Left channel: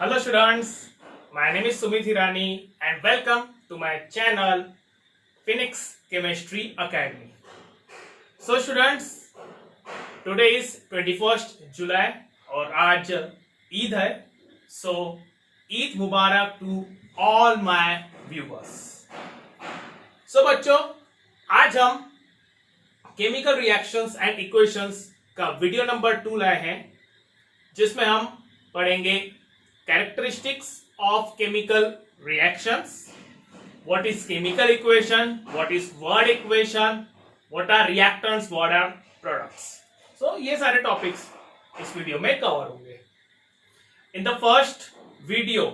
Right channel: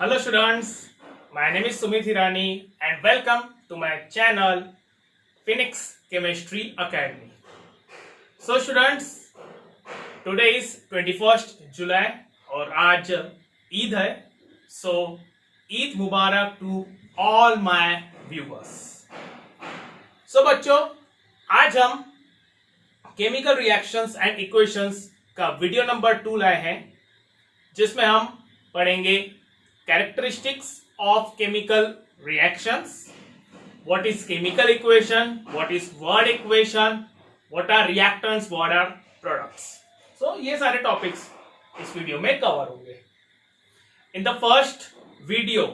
Hello students, my name is Sumit Hirani and welcome to my channel Phoenix Chemistry Academy. So students, today is 21st July और आज ईद है. So Eid Mubarak to all my viewers. So बच्चों, आज हम chemical reactions and equations का video number 2 लाए हैं, जिसमें हम पढ़ेंगे characteristics of chemical reactions, what is chemical equation, what is word equation, what are reactants, what are products. So ये सारे टॉपिक्स इस वीडियो में कवर होंगे. इन द फर्स्ट वीडियो,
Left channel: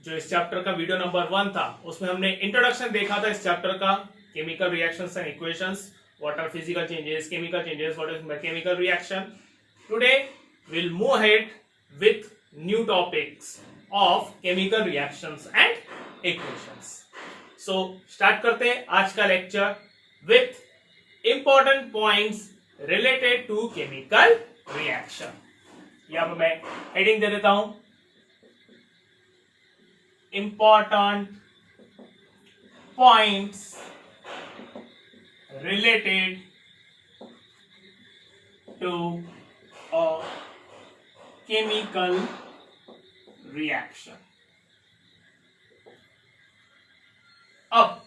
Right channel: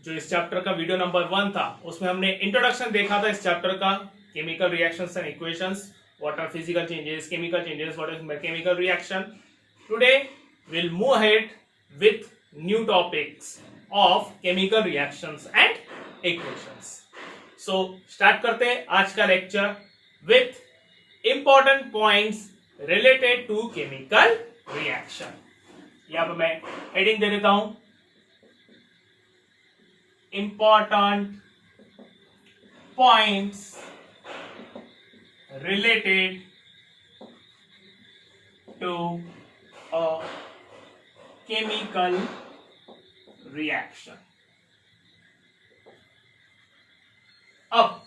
जो इस चैप्टर का वीडियो नंबर 1 था, उसमें हमने इंट्रोडक्शन देखा था इस चैप्टर का, chemical reactions and equations, what are physical changes, chemical changes, what is chemical reaction. Today we'll move ahead with new topics of chemical reactions and equations. So start करते हैं आज का lecture with important points related to chemical reaction. यहाँ पे मैं heading दे देता हूं, important points related to a chemical reaction. अब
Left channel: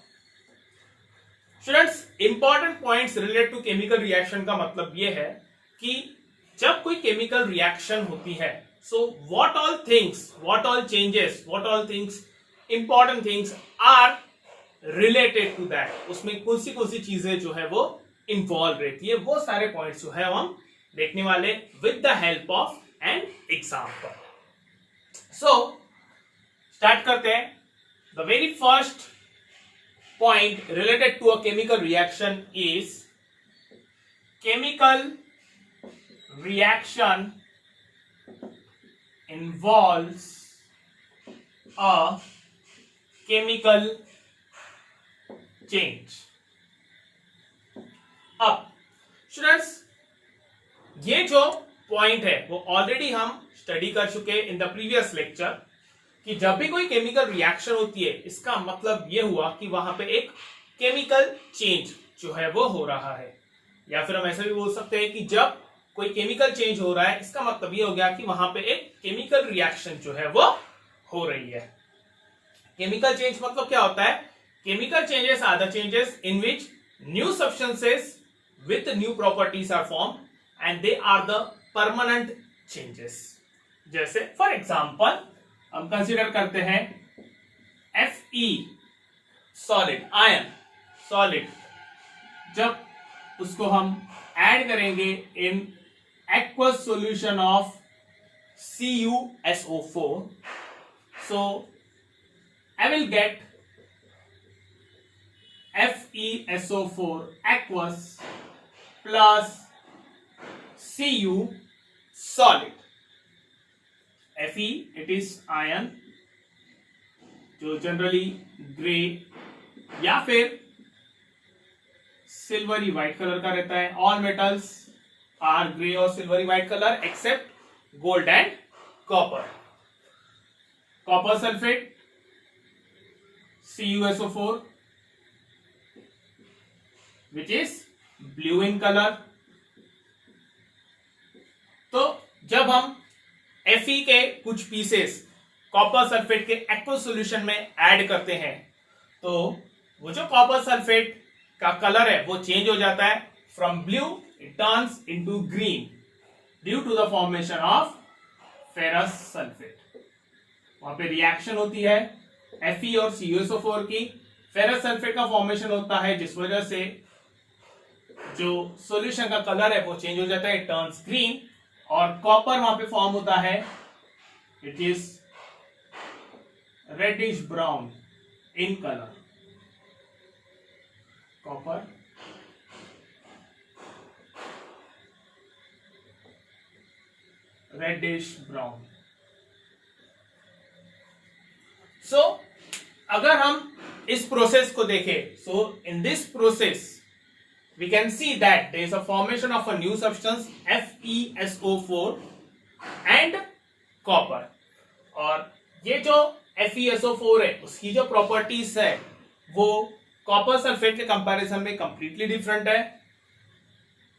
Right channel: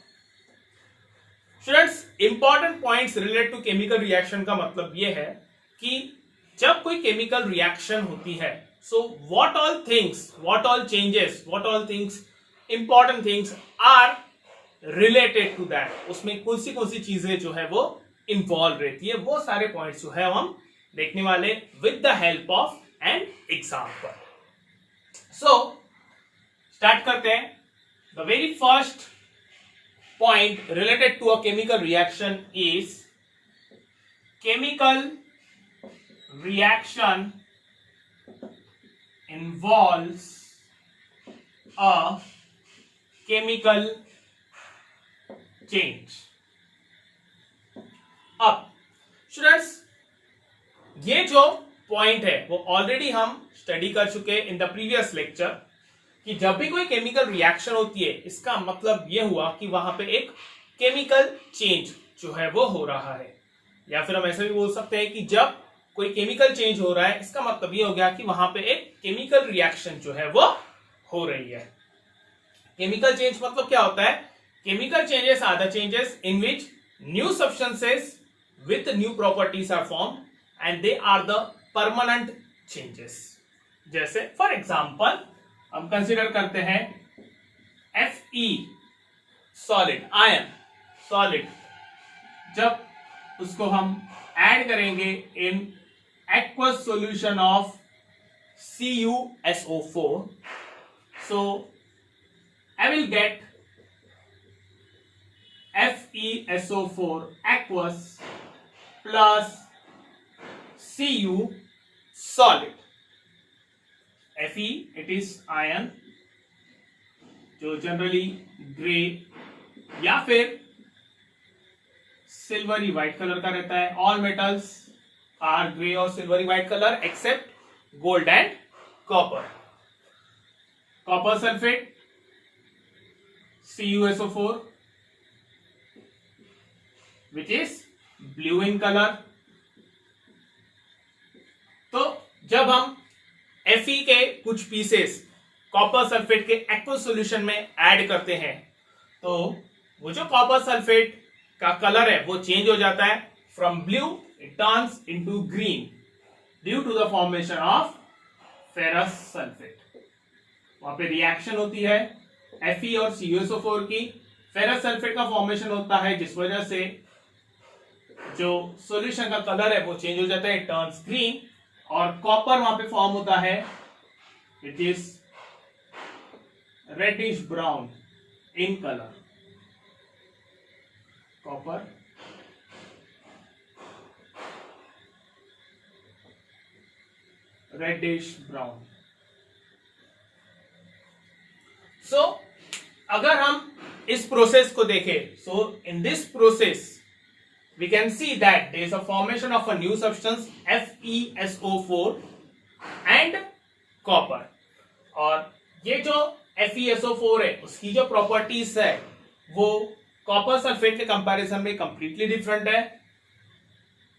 students, important points related to chemical reaction का मतलब यह है कि जब कोई केमिकल रिएक्शन होती है, so what all things, what all changes, what all things, important things are related to that. उसमें कौन सी चीजें जो है वो इन्वॉल्व रहती है, वो सारे पॉइंट्स जो है हम देखने वाले with the help of an example. So start करते हैं. The very first point related to a chemical reaction is chemical reaction involves a chemical change. अब स्टूडेंट्स, ये जो पॉइंट है वो ऑलरेडी हम स्टडी कर चुके इन द प्रीवियस लेक्चर, कि जब भी कोई केमिकल रिएक्शन होती है, इसका मतलब ये हुआ कि वहां पे एक केमिकल चेंज जो है वो हो रहा है. या फिर हम ऐसा भी बोल सकते हैं कि जब कोई केमिकल चेंज हो रहा है, इसका मतलब ये हो गया कि वहां पे एक केमिकल रिएक्शन जो है वो हो रही है. केमिकल चेंज मतलब क्या होता है? Chemical changes are the changes in which new substances with new properties are form and they are the permanent changes. जैसे फॉर एग्जांपल हम कंसीडर करते हैं Fe सॉलिड, आयन सॉलिड, जब उसको हम ऐड करेंगे इन aqueous solution of CuSO4, so I will get FeSO4 aqueous plus Cu solid. Fe, it is iron, जो generally grey या फिर सिल्वरी व्हाइट कलर का रहता है. ऑल मेटल्स आर ग्रे और silvery white colour except gold and copper. Copper sulphate CuSO4 which is blue in colour. तो जब हम Fe के कुछ पीसेस कॉपर सल्फेट के एक्वस सॉल्यूशन में ऐड करते हैं, तो वो जो कॉपर सल्फेट का कलर है वो चेंज हो जाता है. From blue it turns into green due to the formation of ferrous sulphate. वहां पे रिएक्शन होती है Fe और CuSO4 की. फेरस सल्फेट का फॉर्मेशन होता है, जिस वजह से जो सॉल्यूशन का कलर है वो चेंज हो जाता है, इट टर्न्स ग्रीन. और कॉपर वहां पे फॉर्म होता है, it is reddish brown in colour. Copper reddish brown. So अगर हम इस प्रोसेस को देखें, so in this process we can see that there is a formation of a new substance FeSO4 and copper. और ये जो FeSO4 है उसकी जो प्रॉपर्टीज है वो कॉपर सल्फेट के कंपैरिजन में कंप्लीटली डिफरेंट है।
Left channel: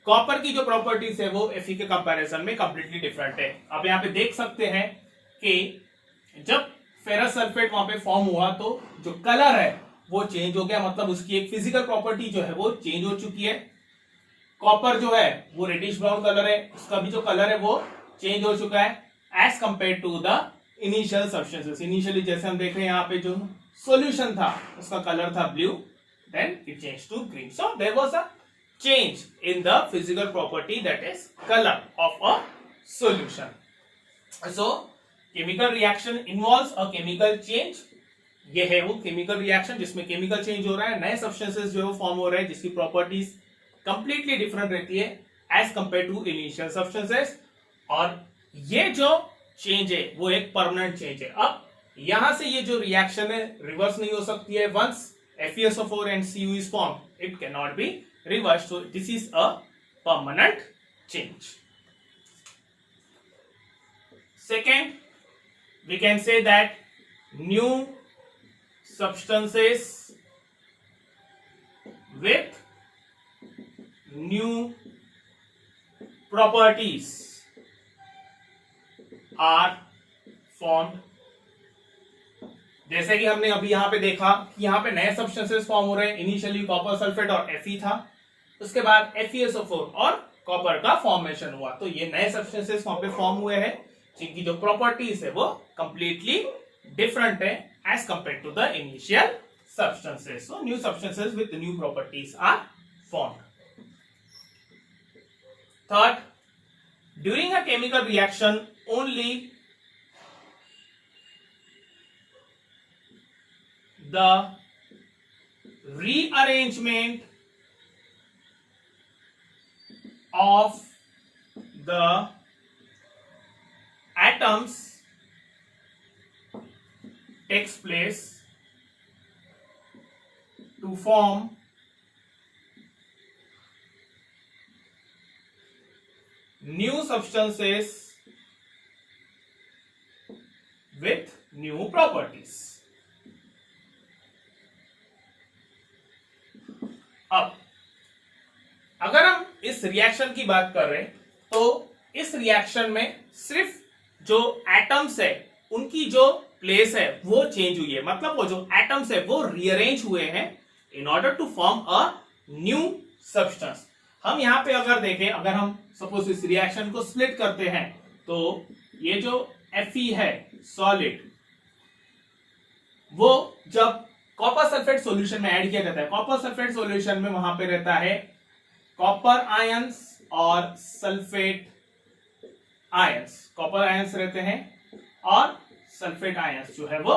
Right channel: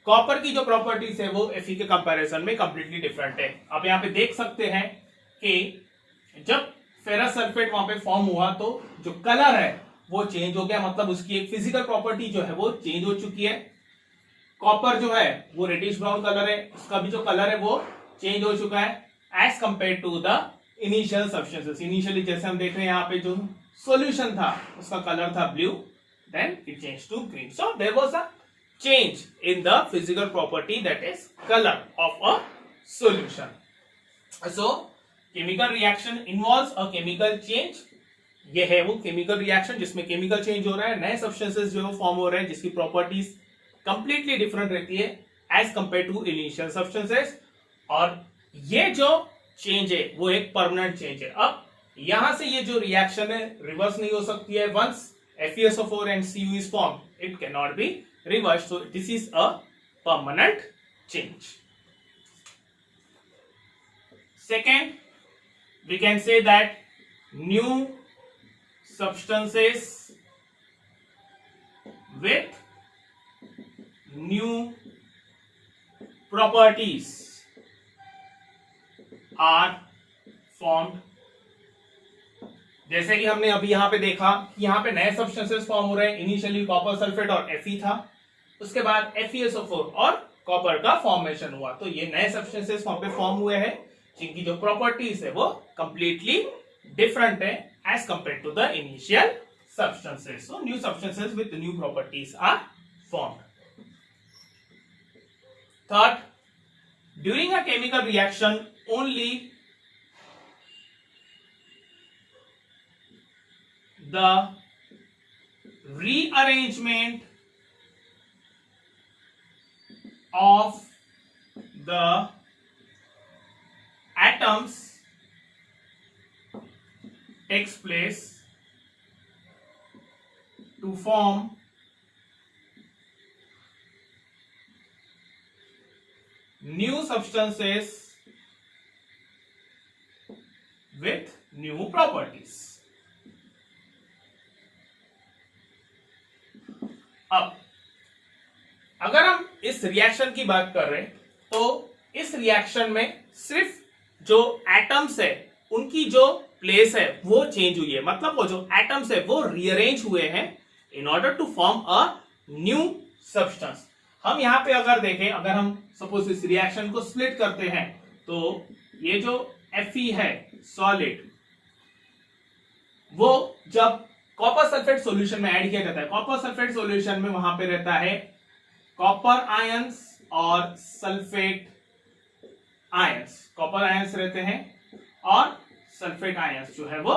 कॉपर की जो प्रॉपर्टीज है वो Fe के कंपैरिजन में कंप्लीटली डिफरेंट है। आप यहाँ पे देख सकते हैं कि जब फेरस सल्फेट वहां पे फॉर्म हुआ तो जो कलर है वो चेंज हो गया, मतलब उसकी एक फिजिकल प्रॉपर्टी जो है वो चेंज हो चुकी है। कॉपर जो है वो रेडिश ब्राउन कलर है, उसका भी जो कलर है वो चेंज हो चुका है as compare to the initial substances. Initially जैसे हम देख रहे हैं यहाँ पे जो सॉल्यूशन था उसका कलर था blue, then it change to green. So there was a change in the physical property, that is color of a solution. So chemical reaction involves a chemical change. ये है वो chemical reaction जिसमें chemical change हो रहा है, नए substances जो है वो form हो रहे हैं जिसकी properties completely different रहती है as compared to initial substances। और ये जो change है वो एक permanent change है। अब यहां से ये जो reaction है reverse नहीं हो सकती है। once FeSO4 and Cu is formed, it cannot be reversed. So this is a permanent change. Second, we can say that new substances with new properties are formed। जैसे कि हमने अभी यहां पे देखा कि यहां पे नए सब्सटेंसेस फॉर्म हो रहे हैं। इनिशियली कॉपर सल्फेट और Fe था, उसके बाद FeSO4 और कॉपर का फॉर्मेशन हुआ, तो ये नए सब्सटेंसेस वहां पे फॉर्म हुए हैं जिनकी जो प्रॉपर्टीज है वो कंप्लीटली डिफरेंट है as compare to the initial substances. So new substances with new properties are formed. Third, during a chemical reaction only the rearrangement of the atoms takes place to form new substances with new properties। अब अगर हम इस reaction की बात कर रहे हैं तो इस रिएक्शन में सिर्फ जो एटम्स है उनकी जो प्लेस है वो चेंज हुई है, मतलब वो जो एटम्स है वो रीअरेंज हुए हैं in order to form a new substance. हम यहां पे अगर देखें, अगर हम सपोज इस रिएक्शन को स्प्लिट करते हैं तो ये जो Fe है सॉलिड, वो जब कॉपर सल्फेट सॉल्यूशन में ऐड किया जाता है, कॉपर सल्फेट सॉल्यूशन में वहां पे रहता है कॉपर आयंस और सल्फेट आयंस। कॉपर आयंस रहते हैं और सल्फेट आयंस जो है वो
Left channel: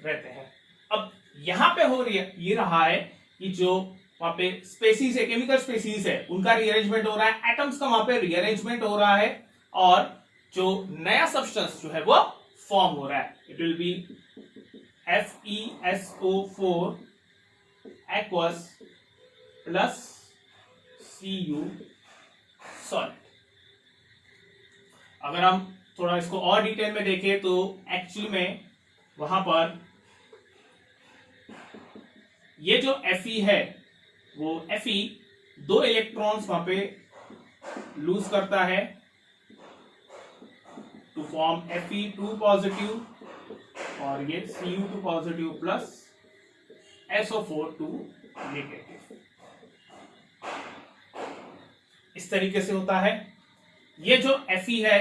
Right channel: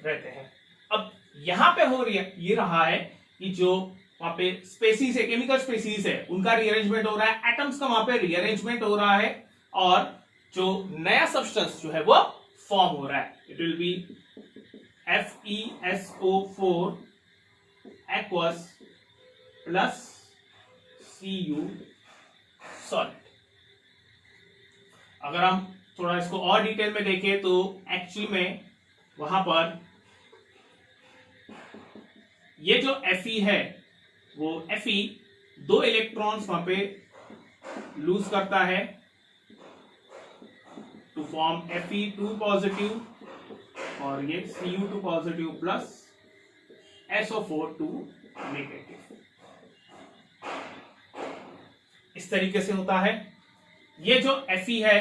रहते हैं। अब यहां पे हो ये रहा है कि जो वहां पे स्पेसीज है, केमिकल स्पेसीज है, उनका रीअरेंजमेंट हो रहा है, एटम्स का वहां पे रीअरेंजमेंट हो रहा है और जो नया सब्सटेंस जो है वो फॉर्म हो रहा है। It will be FeSO4 aqueous plus Cu solid। अगर हम थोड़ा इसको और डिटेल में देखें तो एक्चुअली में वहां पर ये जो Fe है वो Fe दो इलेक्ट्रॉन्स वहां पे लूज करता है टू फॉर्म Fe2 पॉजिटिव और ये Cu2 positive plus SO4 negative. इस तरीके से होता है। ये जो Fe है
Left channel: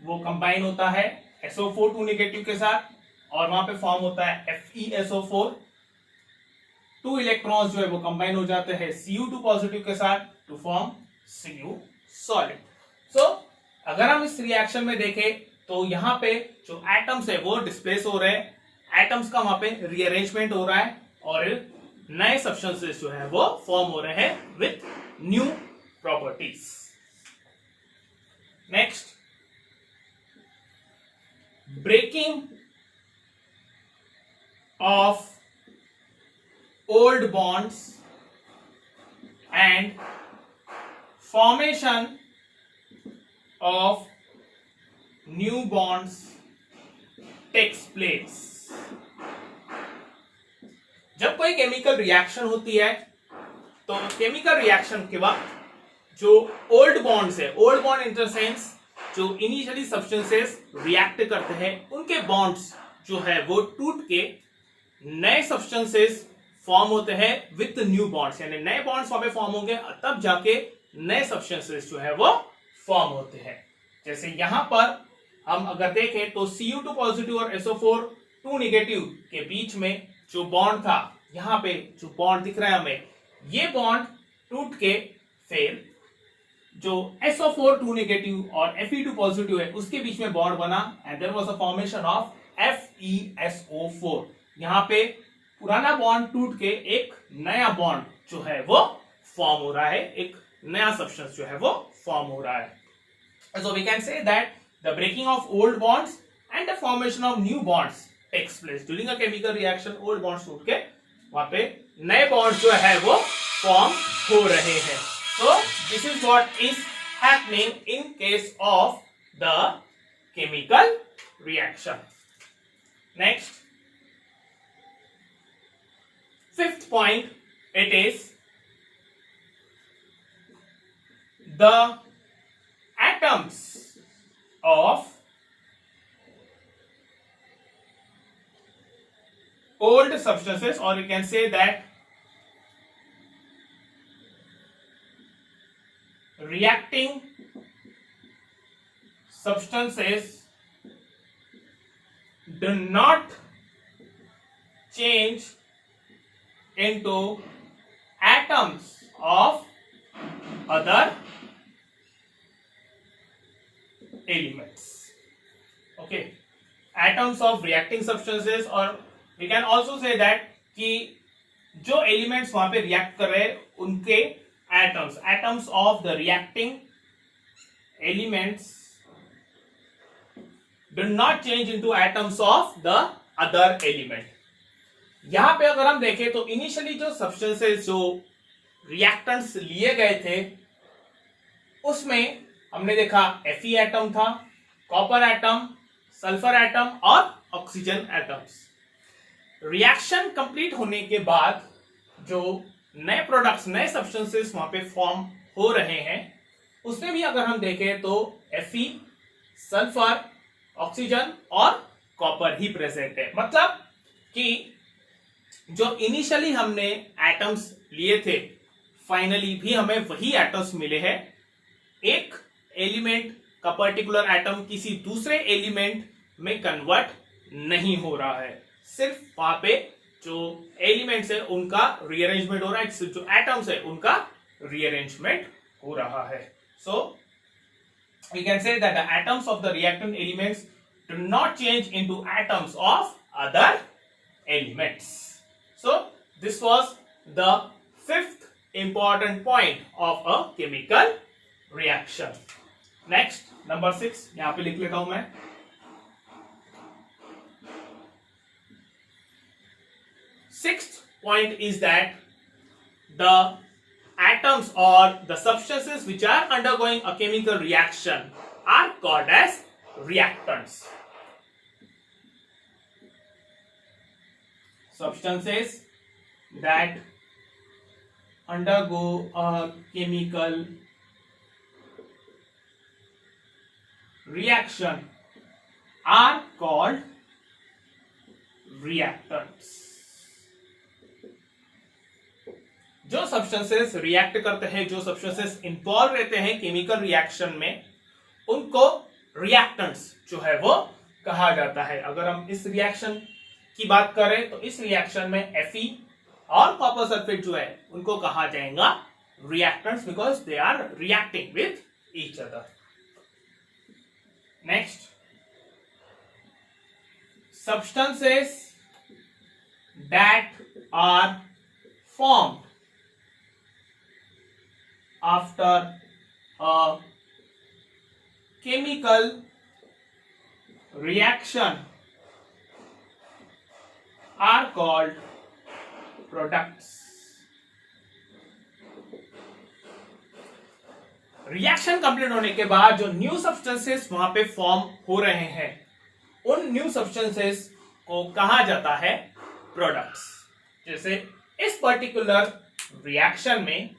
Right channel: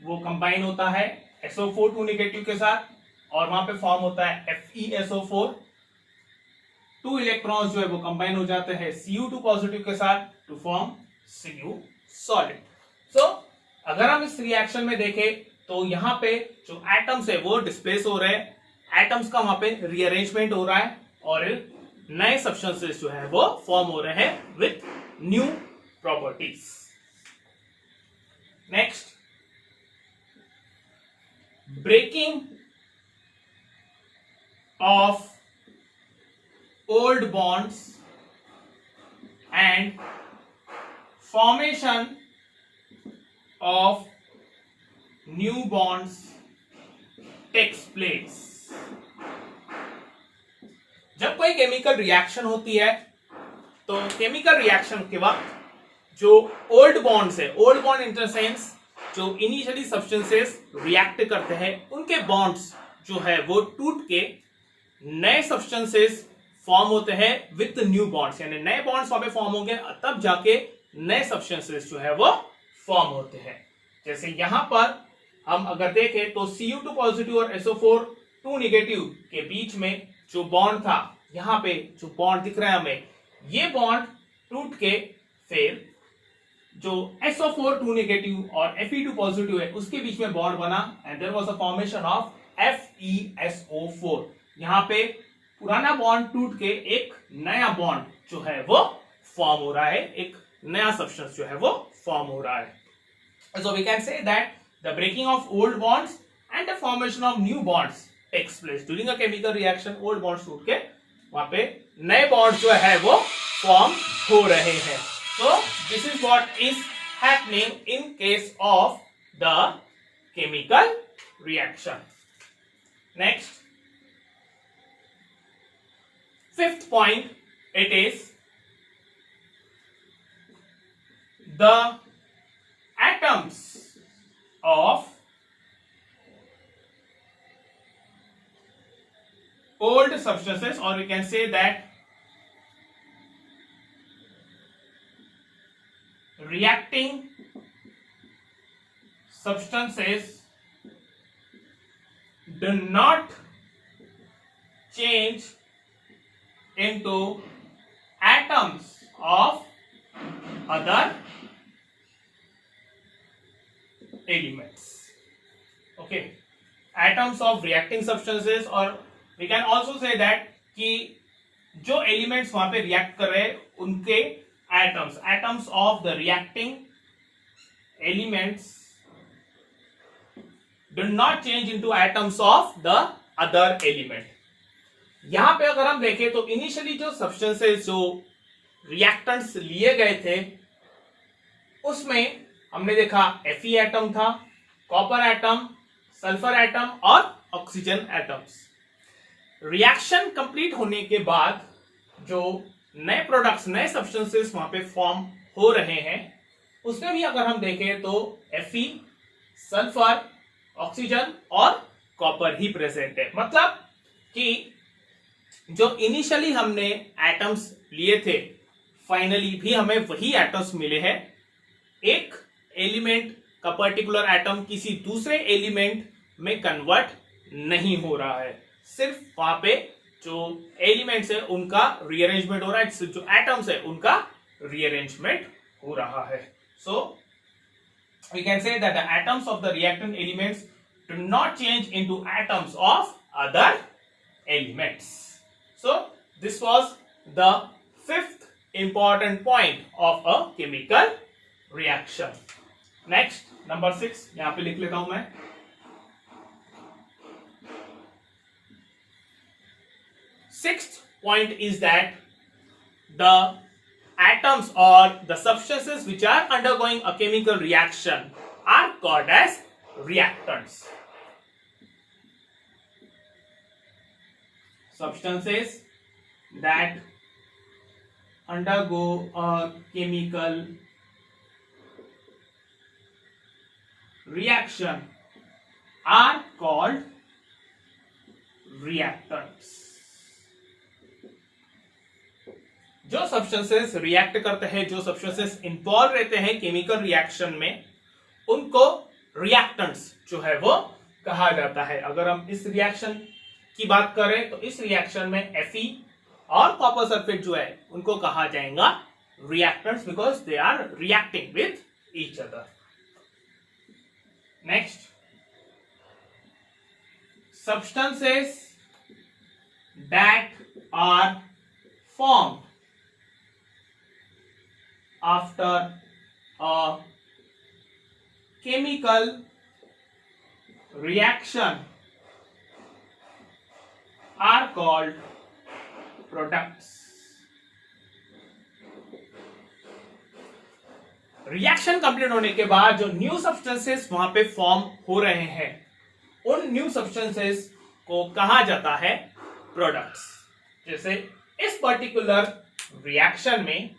वो कंबाइन होता है SO4 नेगेटिव के साथ और वहां पे फॉर्म होता है FeSO4। 2 इलेक्ट्रॉन्स जो है वो कंबाइन हो जाते हैं Cu2 पॉजिटिव के साथ टू फॉर्म Cu सॉलिड। सो अगर हम इस रिएक्शन में देखें तो यहां पे जो एटम्स है वो डिस्प्लेस हो रहे हैं, एटम्स का वहां पे रीअरेंजमेंट हो रहा है और नए सब्सटेंसेस जो है वो फॉर्म हो रहे हैं with new properties. Next, breaking of old bonds and formation of new bonds takes place. जब कोई केमिकल रिएक्शन होती है तो केमिकल रिएक्शन के वक्त जो ओल्ड बॉन्ड्स है, old bond in the sense जो इनिशियली सब्सटेंसेस रिएक्ट करते हैं उनके बॉन्ड्स जो है वो टूट के नए सब्सटेंसेस फॉर्म होते हैं विथ न्यू बॉन्ड्स, यानी नए बॉन्ड्स वहां पे फॉर्म होंगे तब जाके नए सब्सटेंसेस जो है वो फॉर्म होते हैं. जैसे यहां पर हम अगर देखें तो Cu2 पॉजिटिव और SO4 2 नेगेटिव के बीच में जो बॉन्ड था, यहां पे जो बॉन्ड दिख रहा है हमें, ये बॉन्ड टूट के फिर जो SO4 2 नेगेटिव और Fe2 पॉजिटिव है उसके बीच में बॉन्ड बना and there was a formation of FeSO4. यहां पे पुराना बॉन्ड टूट के एक नया बॉन्ड जो है वो फॉर्म हो रहा है, एक नया सब्सटेंस जो है वो फॉर्म हो रहा है. So we can say that the breaking of old bonds and the formation of new bonds takes place during a chemical reaction. Old bonds टूट के वहां पे नए बॉन्ड जो है वो फॉर्म हो रहे हैं. So this is what is happening in case of the chemical reaction. Next, fifth point, it is the atoms of old substances, or we can say that reacting substances do not change into atoms of other elements. Okay, atoms of reacting substances, or we can also say that कि जो elements वहां पे react कर रहे हैं उनके atoms of the reacting elements do not change into atoms of the other element. यहां पे अगर हम देखें तो इनिशियली जो सब्सटेंसेस जो रिएक्टेंट्स लिए गए थे उसमें हमने देखा Fe एटम था, कॉपर एटम, सल्फर एटम और ऑक्सीजन एटम्स. रिएक्शन कंप्लीट होने के बाद जो नए प्रोडक्ट्स, नए सब्सटेंसेस वहां पे फॉर्म हो रहे हैं उसमें भी अगर हम देखें तो Fe, सल्फर, ऑक्सीजन और कॉपर ही प्रेजेंट है. मतलब कि जो इनिशियली हमने एटम्स लिए थे फाइनली भी हमें वही एटम्स मिले हैं. एक एलिमेंट का पर्टिकुलर एटम किसी दूसरे एलिमेंट में कन्वर्ट नहीं हो रहा है, सिर्फ वहां पे जो एलिमेंट्स है उनका रीअरेंजमेंट हो रहा है, जो एटम्स है उनका रीअरेंजमेंट हो रहा है. सो we can say that the atoms of the reactant elements do not change into atoms of other elements. So this was the fifth important point of a chemical reaction. Next, number 6, यहां पे लिख लेता हूं मैं. Sixth point is that the atoms or the substances which are undergoing a chemical reaction are called as reactants. Substances that undergo a chemical reaction are called reactants. जो substances react करते हैं, जो सब्सटेंसेस इन्वॉल्व रहते हैं chemical reaction में, उनको reactants जो है वो कहा जाता है. अगर हम इस रिएक्शन की बात करें तो इस रिएक्शन में Fe और कॉपर सल्फेट जो है उनको कहा जाएगा reactants because they are reacting with each other. Next, substances that are formed after a chemical reaction are called products. Reaction complete होने के बाद जो न्यू सब्सटेंसेस वहां पे फॉर्म हो रहे हैं, उन न्यू सब्सटेंसेस को कहा जाता है प्रोडक्ट्स। जैसे इस पर्टिकुलर रिएक्शन में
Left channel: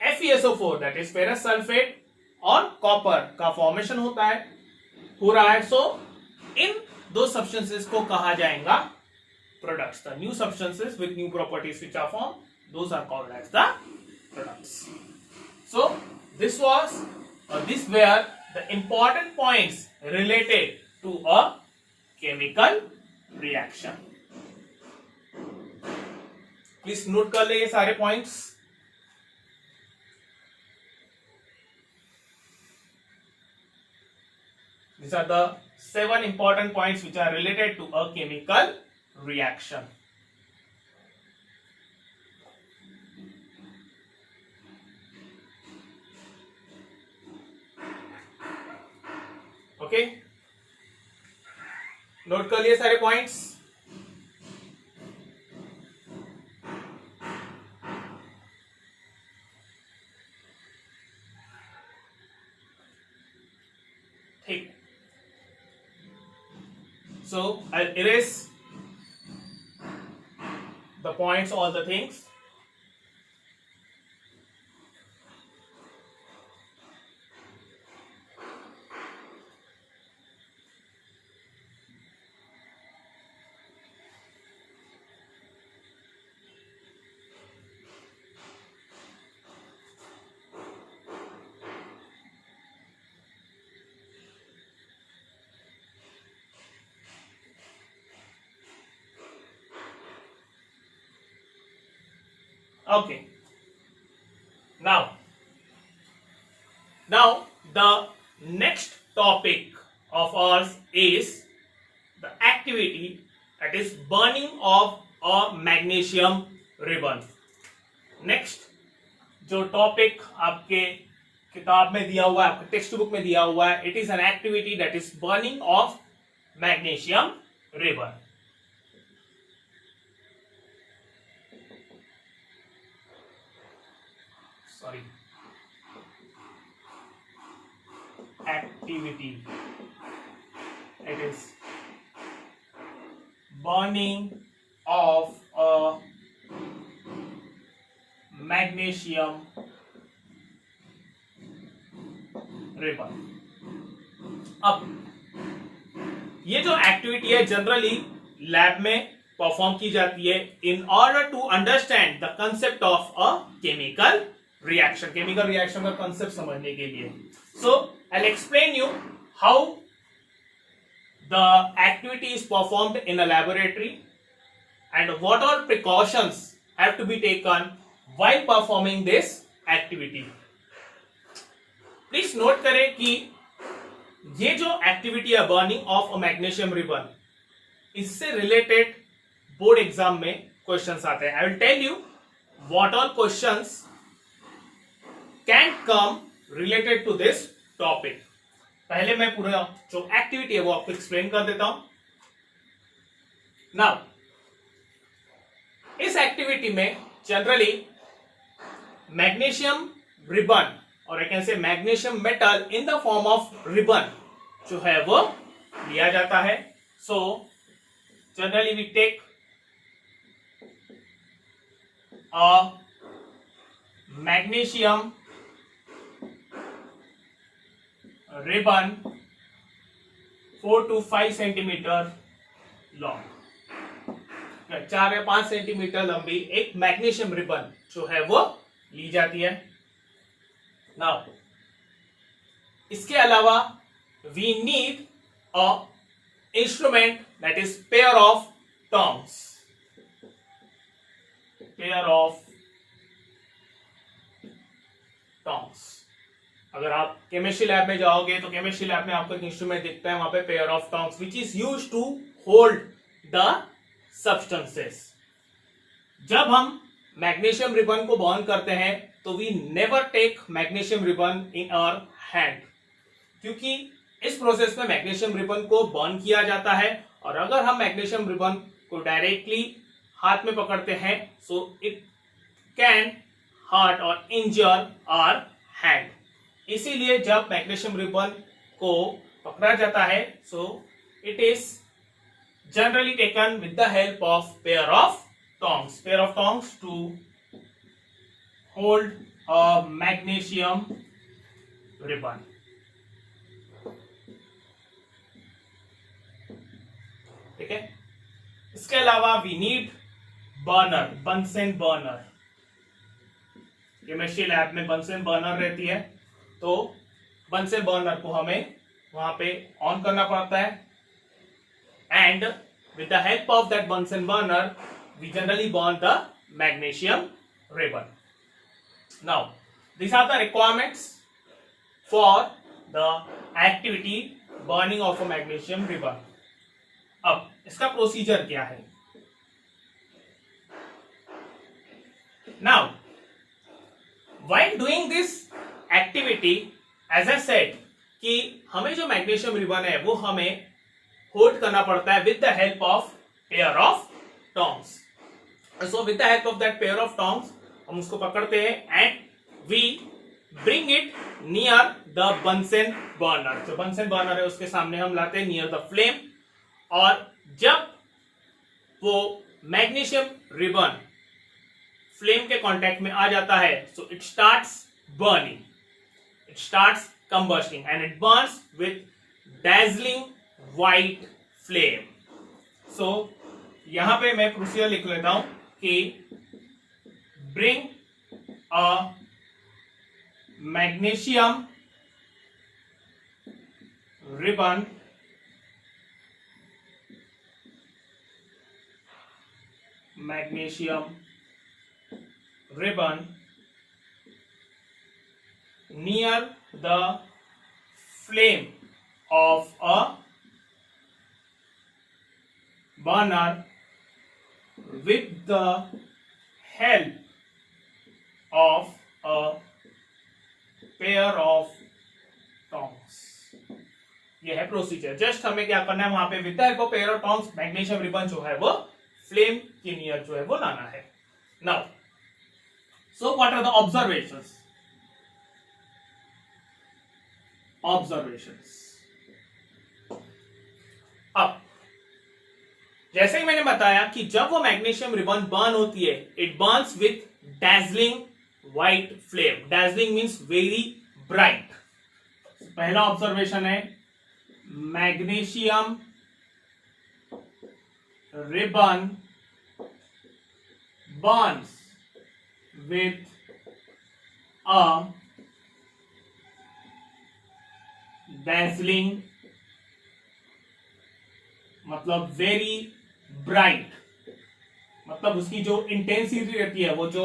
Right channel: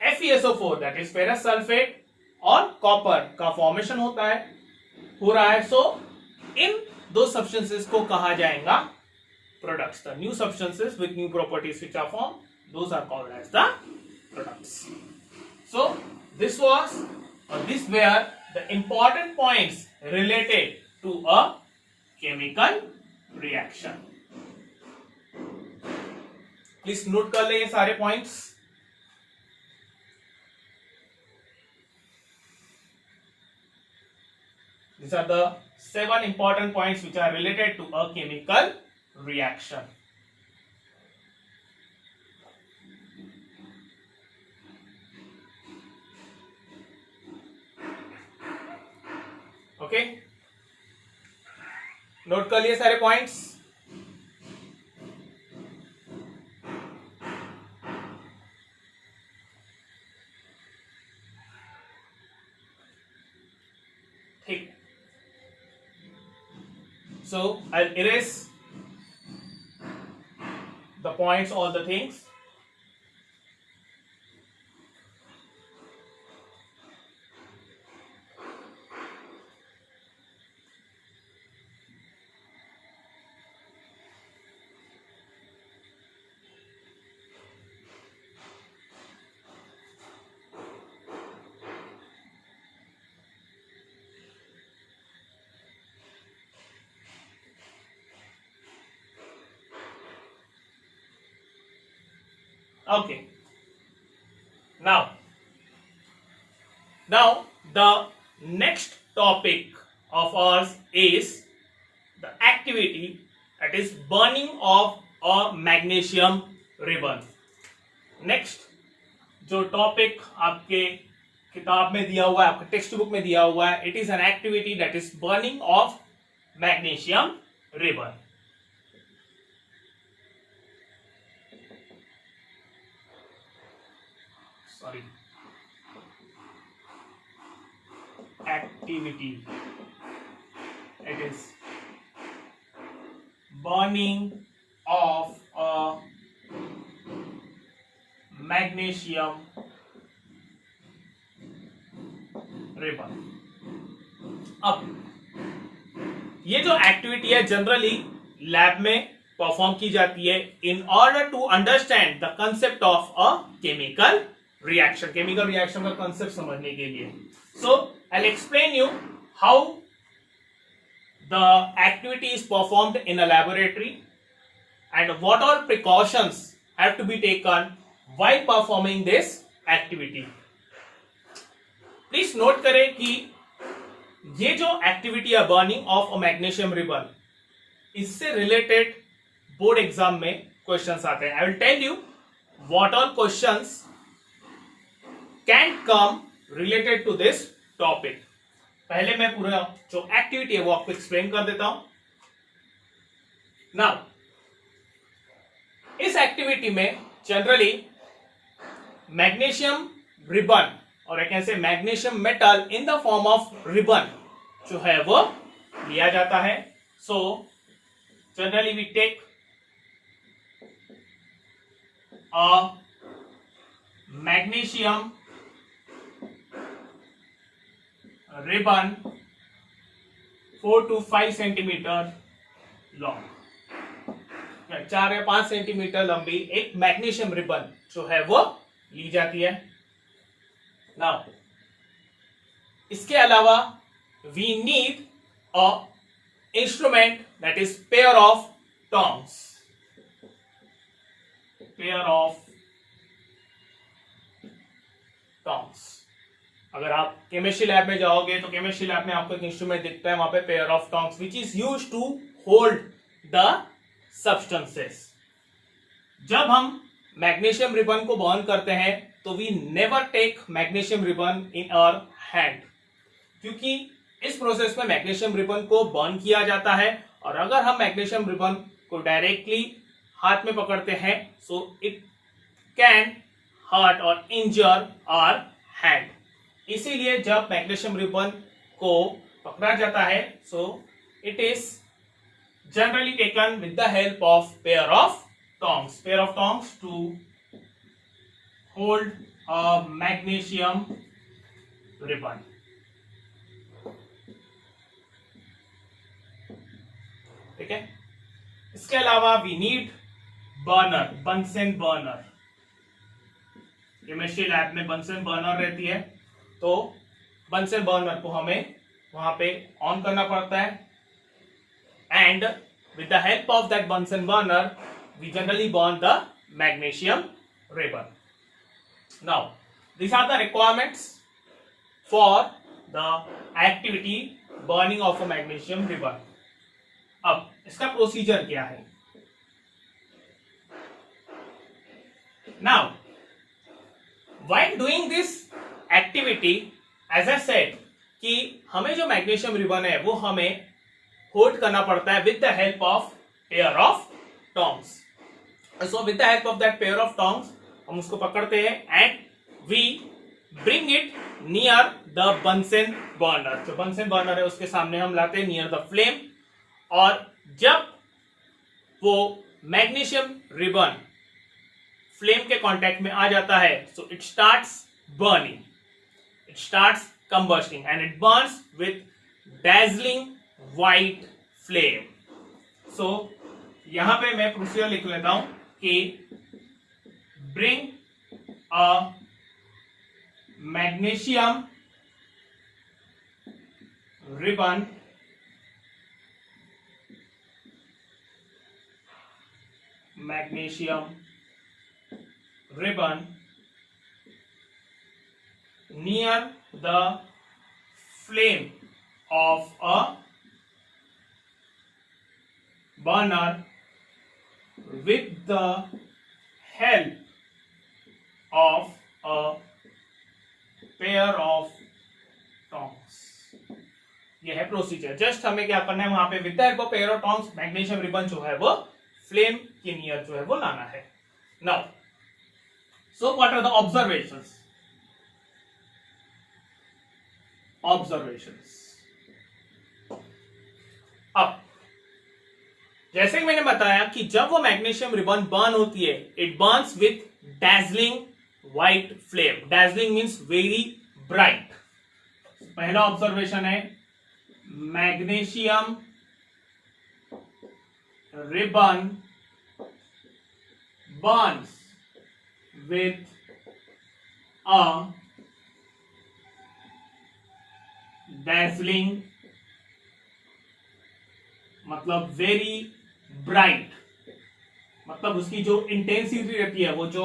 FeSO4 that is ferrous sulphate और कॉपर का फॉर्मेशन हो रहा है। सो इन दो सब्सटेंसेस को कहा जाएगा products. The new substances with new properties which are form, those are called as the products. So these were the important points related to a chemical reaction. Please note कर ले ये सारे points. These are the 7 important points which are related to a chemical reaction. Okay, note कर लिए सारे points. ठीक, so I erase the points, all the things. Okay, now the next topic of ours is the activity that is burning of a magnesium ribbon. Next जो topic आपके किताब में दिया हुआ है, आपके टेक्स्ट बुक में दिया हुआ है, it is an activity that is burning of magnesium ribbon. Sorry, activity, it is burning of a magnesium ribbon. अब ये जो एक्टिविटी है जनरली लैब में परफॉर्म की जाती है in order to understand the concept of a chemical reaction. Chemical reaction का concept समझने के लिए। So I will explain you how the activity is performed in a laboratory and what are precautions have to be taken while performing this activity. Please note करें कि ये जो activity है burning of a magnesium ribbon, इससे related board exam में questions आते हैं। I will tell you what all questions can come related to this topic. पहले मैं पूरा जो एक्टिविटी है वो आपको एक्सप्लेन कर देता हूं। नाउ इस एक्टिविटी में जनरली मैग्नीशियम रिबन और I can say magnesium metal in the form of ribbon जो है वो लिया जाता है। So generally we take a magnesium ribbon 4 to 5 centimetre long, 4 या 5 सेंटीमीटर लंबी एक मैग्नीशियम रिबन जो है वो ली जाती है। नाउ इसके अलावा we need a instrument that is pair of tongs. Pair of tongs, अगर आप केमिस्ट्री लैब में जाओगे तो केमिस्ट्री लैब में आपको एक इंस्ट्रूमेंट दिखता है, वहां पे pair of tongs which is used to hold the substances. जब हम मैग्नीशियम रिबन को बर्न करते हैं तो we never take magnesium ribbon in our hand, क्योंकि इस प्रोसेस में मैग्नीशियम रिबन को बर्न किया जाता है और अगर हम मैग्नीशियम रिबन को डायरेक्टली हाथ में पकड़ते हैं सो इट कैन हर्ट और इंजर आवर हैंड। इसीलिए जब मैग्नीशियम रिबन को पकड़ा जाता है, so it is generally taken with the help of pair of tongs to hold a magnesium ribbon. ठीक है, इसके अलावा we need burner, Bunsen burner. Chemistry lab में बंसन बर्नर रहती है, तो बंसन बर्नर को हमें वहां पे ऑन करना पड़ता है, and with the help of that Bunsen burner we generally burn the magnesium ribbon. Now these are the requirements for the activity burning of a magnesium ribbon. अब इसका प्रोसीजर क्या है? Now while doing this activity, as I said कि हमें जो magnesium ribbon है वो हमें होल्ड करना पड़ता है with the help of pair of tongs. So with the help of that pair of tongs हम उसको पकड़ते हैं and we bring it near the Bunsen burner. जो बंसन बर्नर है उसके सामने हम लाते हैं, नियर द फ्लेम, और जब वो मैग्नीशियम रिबन फ्लेम के कांटेक्ट में आ जाता है, so it starts burning, it starts combusting and it burns with dazzling white flame. So यहां पे मैं प्रोसीजर लिख लेता हूं कि bring a magnesium ribbon near the flame of a burner with the help of a pair of tongs. ये है procedure. Just हमें क्या करना है, वहां पे with the help of pair of tongs magnesium ribbon जो है वो फ्लेम के नियर जो है वो लाना है। Now so what are the observations? अब जैसे कि मैंने बताया कि जब वो मैग्नीशियम रिबन बर्न होती है, it Burns with dazzling white flame. Dazzling means very bright. पहला ऑब्जर्वेशन है magnesium ribbon Burns with a dazzling, मतलब वेरी ब्राइट, मतलब उसकी जो इंटेंसिटी रहती है, वो जो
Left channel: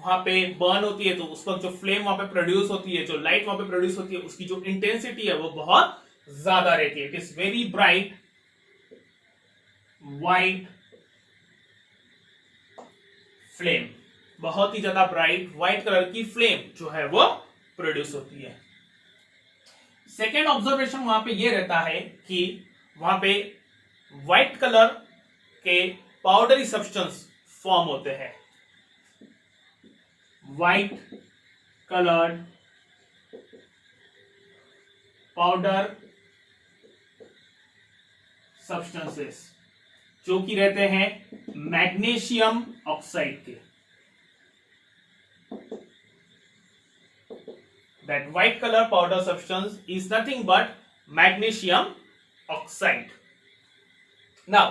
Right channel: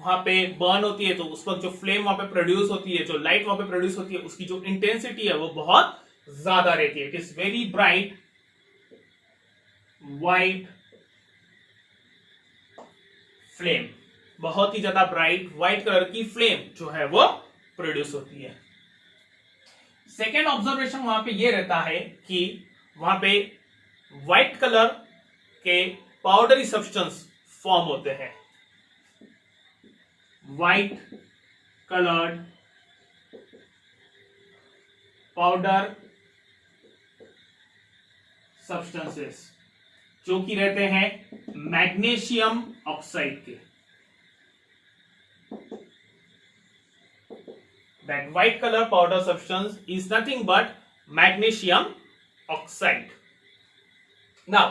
वहां पे बर्न होती है, तो उस वक्त जो फ्लेम वहां पे प्रोड्यूस होती है, जो लाइट वहां पे प्रोड्यूस होती है, उसकी जो इंटेंसिटी है वो बहुत ज्यादा रहती है। It is very bright white flame, बहुत ही ज्यादा ब्राइट व्हाइट कलर की फ्लेम जो है वो प्रोड्यूस होती है। सेकेंड ऑब्जर्वेशन वहां पे ये रहता है कि वहां पे व्हाइट कलर के पाउडरी सब्सटेंस फॉर्म होते हैं। व्हाइट कलर्ड पाउडर सब्सटेंसेस जो कि रहते हैं मैग्नीशियम ऑक्साइड के। That white color powder substance is nothing but magnesium oxide. Now,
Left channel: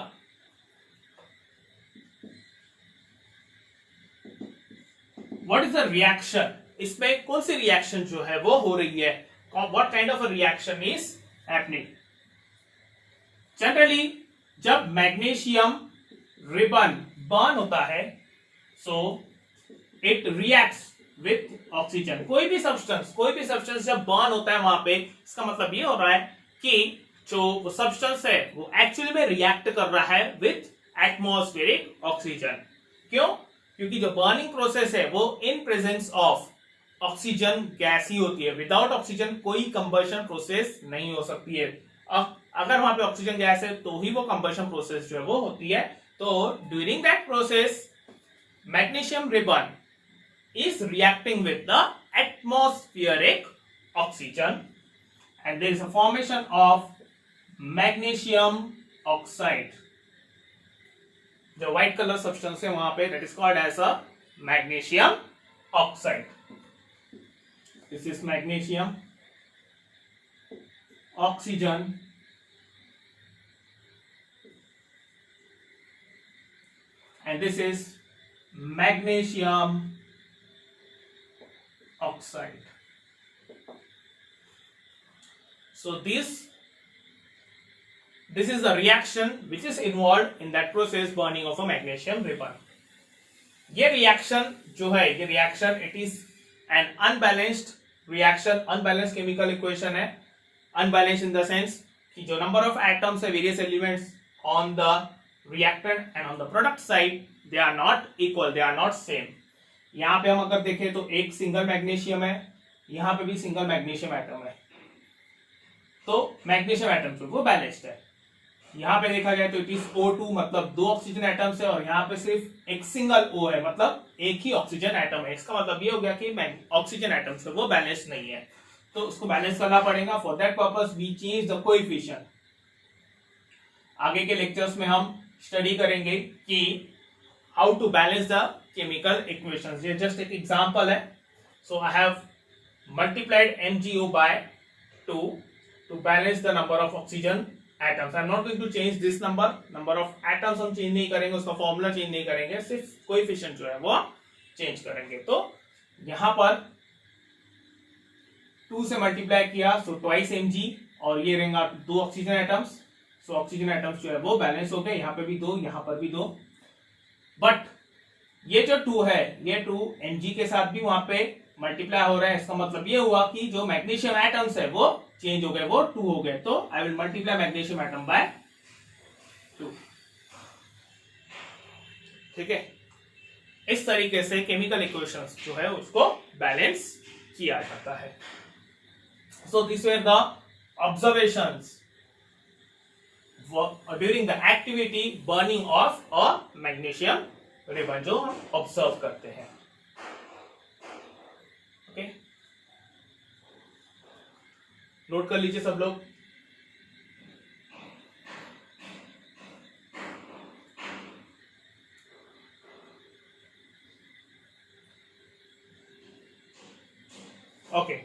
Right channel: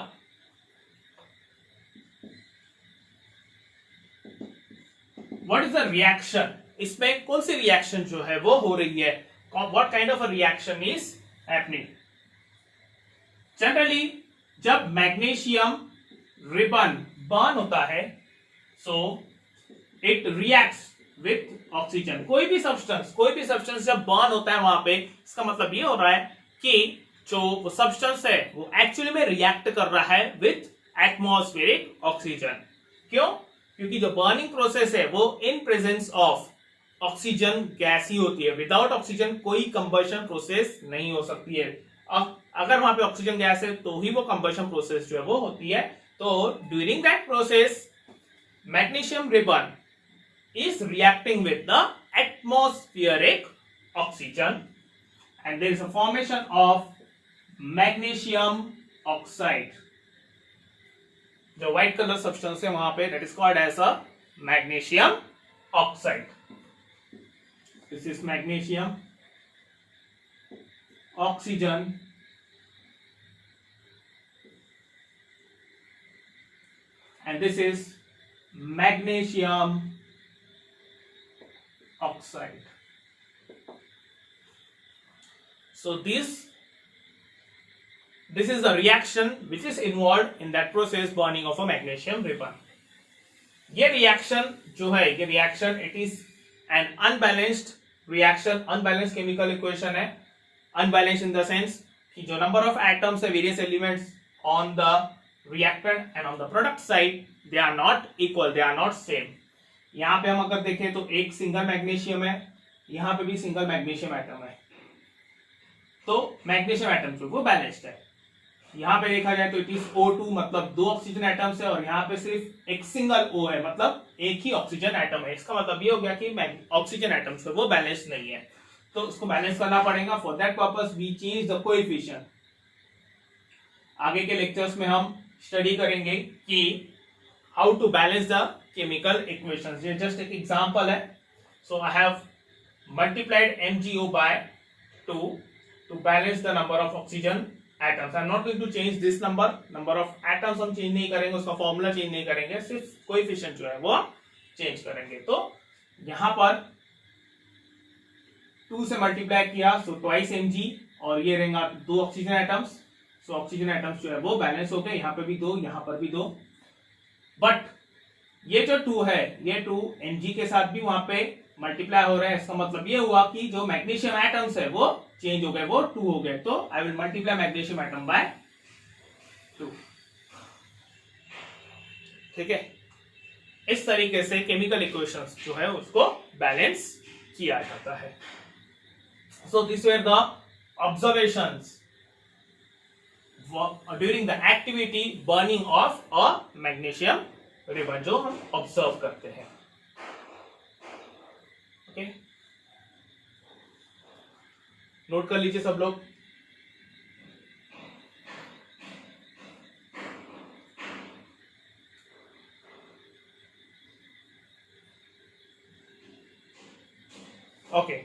what is the reaction? इसमें कौन सी रिएक्शन जो है वो हो रही है? What kind of a reaction is happening? Generally, जब मैग्नीशियम रिबन बर्न होता है, so it reacts with oxygen. कोई भी सब्सटेंस जब बर्न होता है वहां पे, इसका मतलब ये हो रहा है कि जो सब्सटेंस है वो एक्चुअली में रिएक्ट कर रहा है विथ एटमॉस्फेरिक ऑक्सीजन। क्यों? क्योंकि जो बर्निंग प्रोसेस है वो in presence of oxygen gas ही होती है। विदाउट ऑक्सीजन कोई कंबशन प्रोसेस नहीं हो सकती है। अगर वहां पे ऑक्सीजन गैस है तो ही वो कंबशन प्रोसेस जो है वो होती है। तो during that process magnesium ribbon is reacting with the atmospheric oxygen and there is a formation of magnesium oxide. जो white color substance है वहां पे that is called as a magnesium oxide. This is magnesium oxygen and this is magnesium oxide. So this is the reaction which is involved in that process burning of a magnesium ribbon. ये reaction जो है ये reaction it is an unbalanced reaction, unbalanced chemical equation है. Unbalanced in the sense कि जो number of atoms है various elements on the reactant and on the product side they are not equal, they are not same. यहाँ पे हम अगर देखें तो एक सिंगल मैग्नीशियम है, यहाँ पे भी सिंगल मैग्नीशियम एटम है, तो मैग्नीशियम एटम जो वो बैलेंस्ड है. यहाँ पे देखा जाए तो इट इज O2 मतलब दो ऑक्सीजन एटम्स है और यहाँ पे सिर्फ एक सिंगल O है मतलब एक ही ऑक्सीजन एटम है. इसका मतलब ये हो गया कि ऑक्सीजन एटम्स है वो बैलेंस नहीं है, तो उसको बैलेंस करना पड़ेगा. For that purpose we change the coefficient. आगे के लेक्चर्स में हम स्टडी करेंगे कि how to balance the chemical equations. ये जस्ट एक एग्जांपल है. So I have multiplied MgO by 2 to balance the number of oxygen atoms. I am not going to change this number of atoms हम change नहीं करेंगे, उसका formula change नहीं करेंगे, सिर्फ कोएफिशिएंट जो है वो चेंज करेंगे. तो यहाँ पर 2 से मल्टीप्लाई किया सो ट्वाइस Mg और ये रहेंगे दो oxygen atoms. So oxygen atoms जो है वो बैलेंस हो गए, यहाँ पे भी दो, यहाँ पर भी दो. बट ये जो 2 है ये 2 Mg के साथ भी वहां पे मल्टीप्लाई हो रहा है. इसका मतलब ये हुआ कि जो मैग्नीशियम एटम्स है वो चेंज हो गए, वो 2 हो गए. तो I will multiply magnesium atom by 2. ठीक है, इस तरीके से केमिकल इक्वेशंस जो है उसको बैलेंस किया जाता है. So this were the observations during the activity burning of a magnesium ribbon जो हम ऑब्जर्व करते हैं. ओके, नोट कर लीजिए सब लोग. Okay,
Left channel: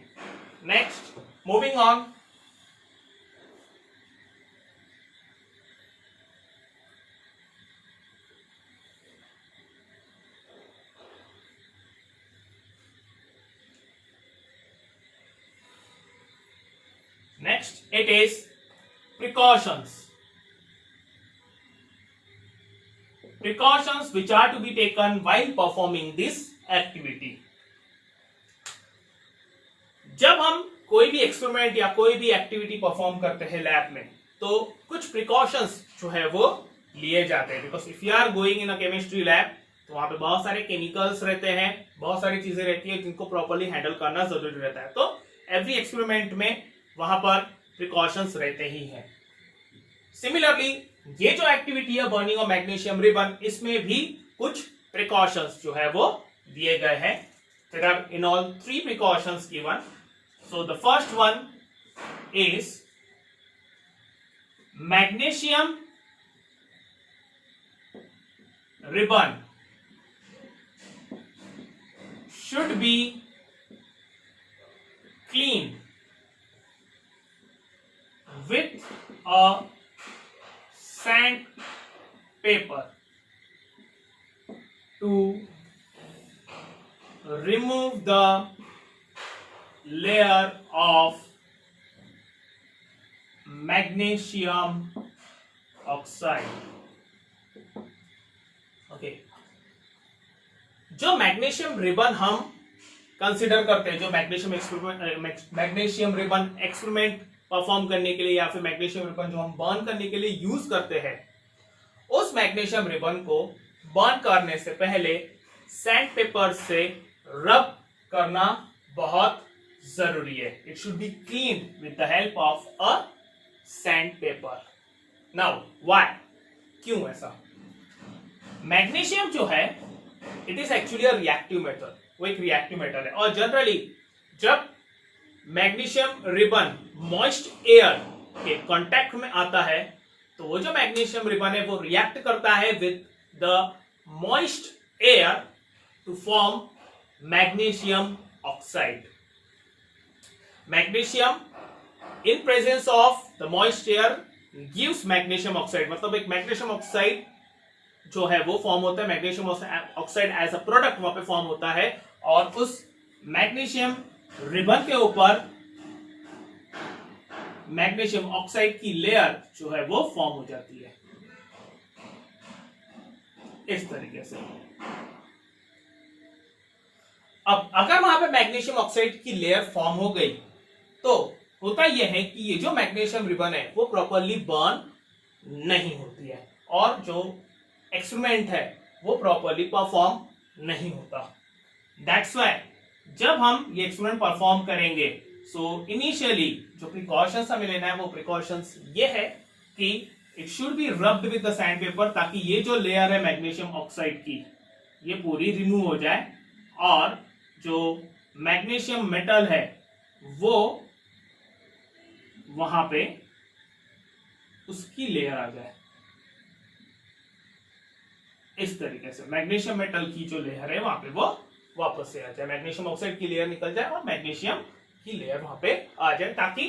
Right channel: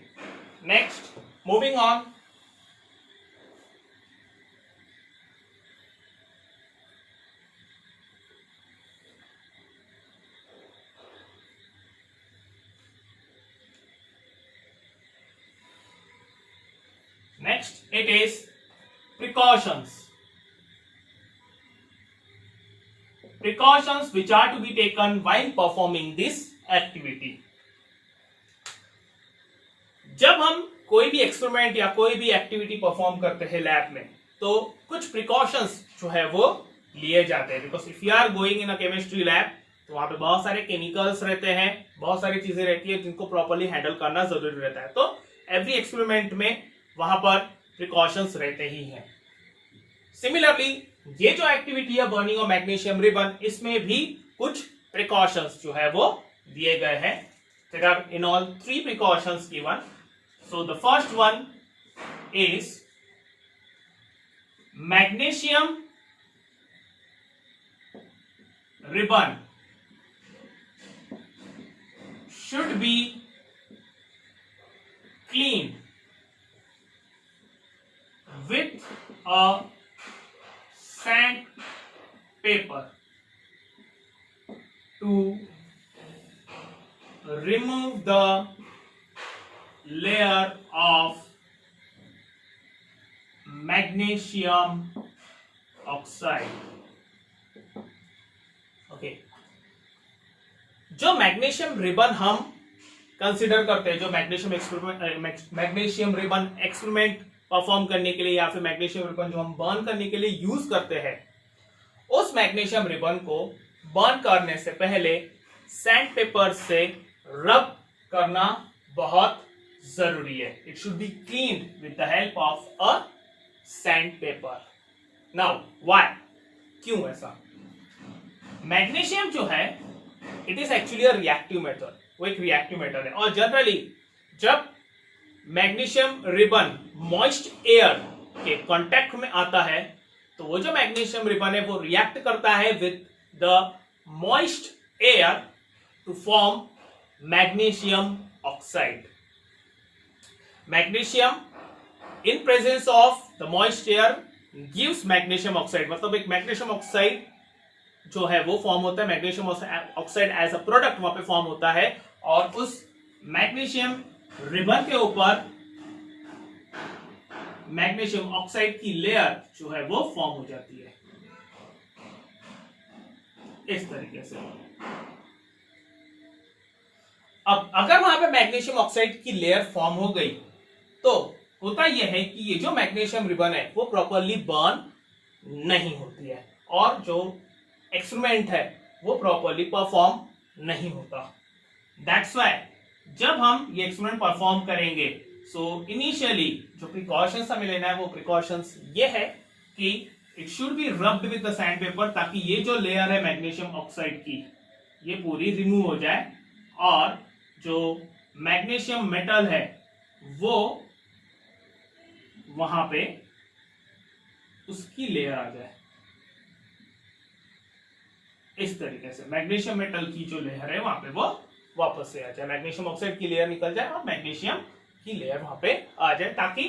next moving on. Next, it is precautions. Precautions which are to be taken while performing this activity. जब हम कोई भी एक्सपेरिमेंट या कोई भी एक्टिविटी परफॉर्म करते हैं लैब में तो कुछ प्रिकॉशंस जो है वो लिए जाते हैं. Because if you are going in a chemistry lab तो वहां पे बहुत सारे केमिकल्स रहते हैं, बहुत सारी चीजें रहती है जिनको प्रॉपर्ली हैंडल करना जरूरी रहता है. तो एवरी एक्सपेरिमेंट में वहां पर प्रिकॉशंस रहते ही हैं. सिमिलरली ये जो एक्टिविटी है बर्निंग ऑफ मैग्नीशियम रिबन, इसमें भी कुछ प्रिकॉशंस जो है वो दिए गए हैं. There are in all 3 precautions given. So the first one is magnesium ribbon should be cleaned with a sandpaper to remove the layer of magnesium oxide. Okay. जो मैग्नीशियम रिबन हम कंसिडर करते हैं, जो मैग्नीशियम रिबन एक्सपेरिमेंट परफॉर्म करने के लिए या फिर मैग्नीशियम रिबन जो हम बर्न करने के लिए यूज करते हैं, उस मैग्नीशियम रिबन को बर्न करने से पहले सैंड पेपर से रब करना बहुत जरूरी है. It should be cleaned with the help of a sand paper. Now why, क्यों ऐसा? मैग्नीशियम जो है it is actually a reactive metal, वो एक रिएक्टिव मेटल है और जनरली जब मैग्नीशियम रिबन मॉइस्ट एयर के कांटेक्ट में आता है तो वो जो मैग्नीशियम रिबन है वो रिएक्ट करता है with the moist air to form magnesium oxide. Magnesium in presence of the moist air gives magnesium oxide, मतलब एक मैग्नीशियम ऑक्साइड जो है वो फॉर्म होता है. Magnesium oxide as a product वहां पे फॉर्म होता है और उस मैग्नीशियम रिबन के ऊपर मैग्नीशियम ऑक्साइड की लेयर जो है वो फॉर्म हो जाती है इस तरीके से. अब अगर वहां पे मैग्नीशियम ऑक्साइड की लेयर फॉर्म हो गई तो होता यह है कि ये जो मैग्नीशियम रिबन है वो प्रॉपरली बर्न नहीं होती है और जो एक्सपेरिमेंट है वो प्रॉपरली परफॉर्म नहीं होता. दैट्स व्हाई जब हम ये एक्सपेरिमेंट परफॉर्म करेंगे सो इनिशियली जो प्रिकॉशंस हमें लेना है वो प्रिकॉशंस ये है कि it should be rubbed with the sand paper ताकि ये जो लेयर है मैग्नीशियम ऑक्साइड की ये पूरी रिमूव हो जाए और जो मैग्नीशियम मेटल है वो वहां पे उसकी लेयर आ जाए इस तरीके से. मैग्नीशियम मेटल की जो लेयर है वहां पे वो वापस से आ जाए, मैग्नीशियम ऑक्साइड की लेयर निकल जाए और मैग्नीशियम की लेयर वहां पे आ जाए ताकि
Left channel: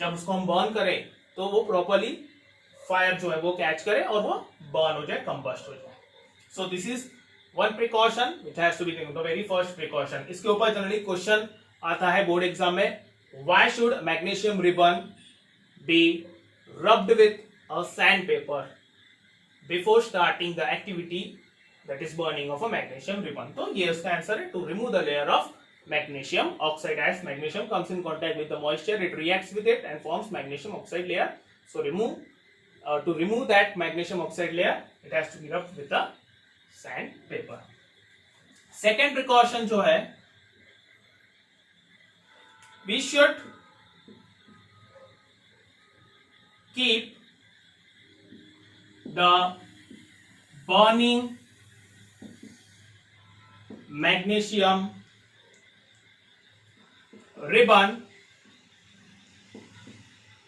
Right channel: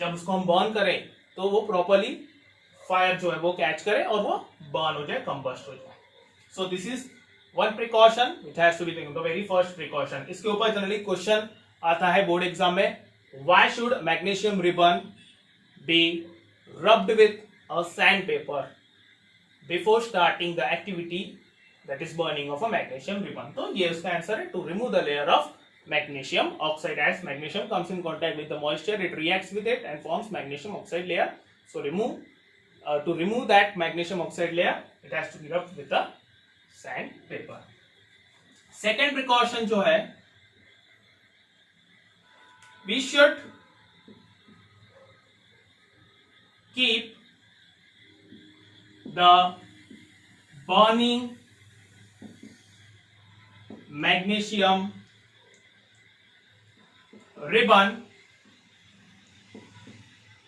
जब उसको हम बर्न करें तो वो प्रॉपरली फायर जो है वो कैच करे और वो बर्न हो जाए, कंबस्ट हो जाए. So this is one precaution which has to be taken, the very first precaution. इसके ऊपर जनरली क्वेश्चन आता है बोर्ड एग्जाम में, why should magnesium ribbon be rubbed with a sandpaper before starting the activity that is burning of a magnesium ribbon. तो ये उसका answer है, to remove the layer of magnesium oxide. As magnesium comes in contact with the moisture, it reacts with it and forms magnesium oxide layer. So to remove that magnesium oxide layer, it has to be rubbed with the sandpaper. Second precaution जो है, we should keep the burning magnesium ribbon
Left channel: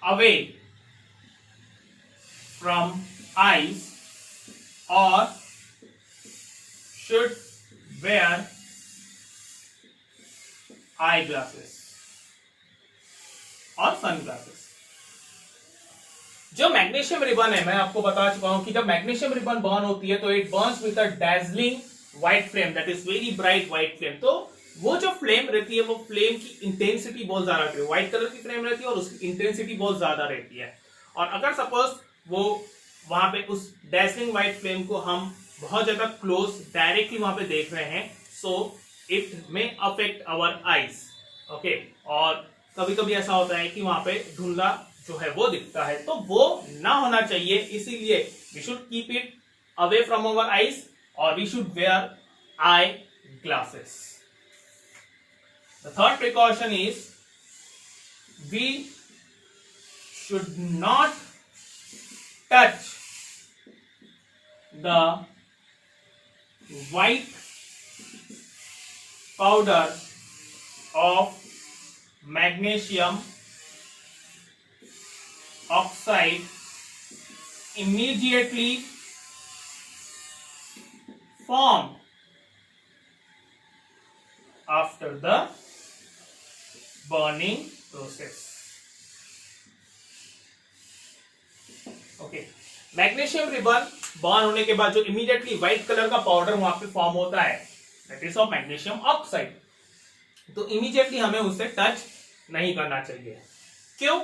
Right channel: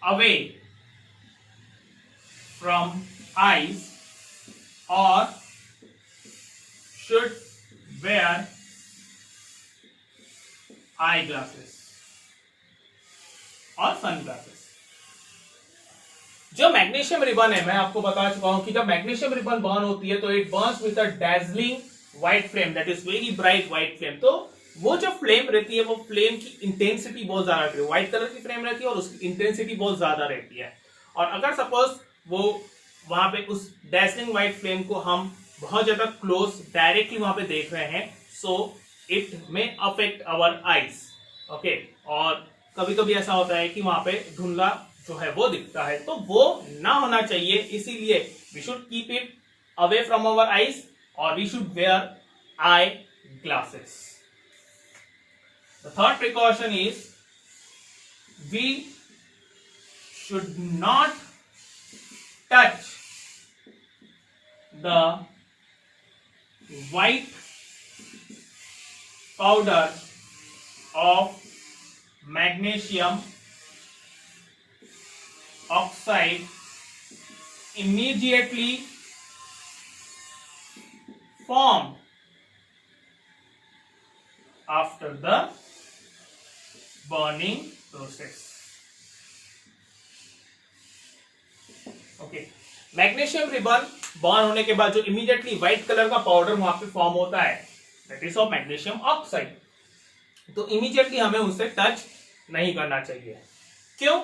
away from eyes or should wear eyeglasses or sunglasses. जो magnesium ribbon है मैं आपको बता चुका हूं कि जब मैग्नीशियम रिबन बर्न होती है तो it burns with a dazzling white flame, that is very bright white flame. तो वो जो फ्लेम रहती है वो फ्लेम की इंटेंसिटी बहुत ज्यादा रहती है, व्हाइट कलर की फ्लेम रहती है और उसकी इंटेंसिटी बहुत ज्यादा रहती है. और अगर सपोज वो वहां पे उस डैजलिंग व्हाइट फ्लेम को हम बहुत ज्यादा क्लोज डायरेक्टली वहां पे देख रहे हैं so it may affect our eyes. Okay, और कभी कभी ऐसा होता है कि वहां पे धुंधला जो है वो दिखता है, तो वो ना होना चाहिए. इसीलिए we should keep it away from our eyes or we should wear eye glasses. The third precaution is we should not touch the white powder of magnesium oxide immediately formed after the burning process. Okay, magnesium ribbon burn होने के बाद जो immediately white colour का powder वहां पे form होता है that is of magnesium oxide, तो इमीडिएटली हमें उसे टच नहीं करना चाहिए. क्यों?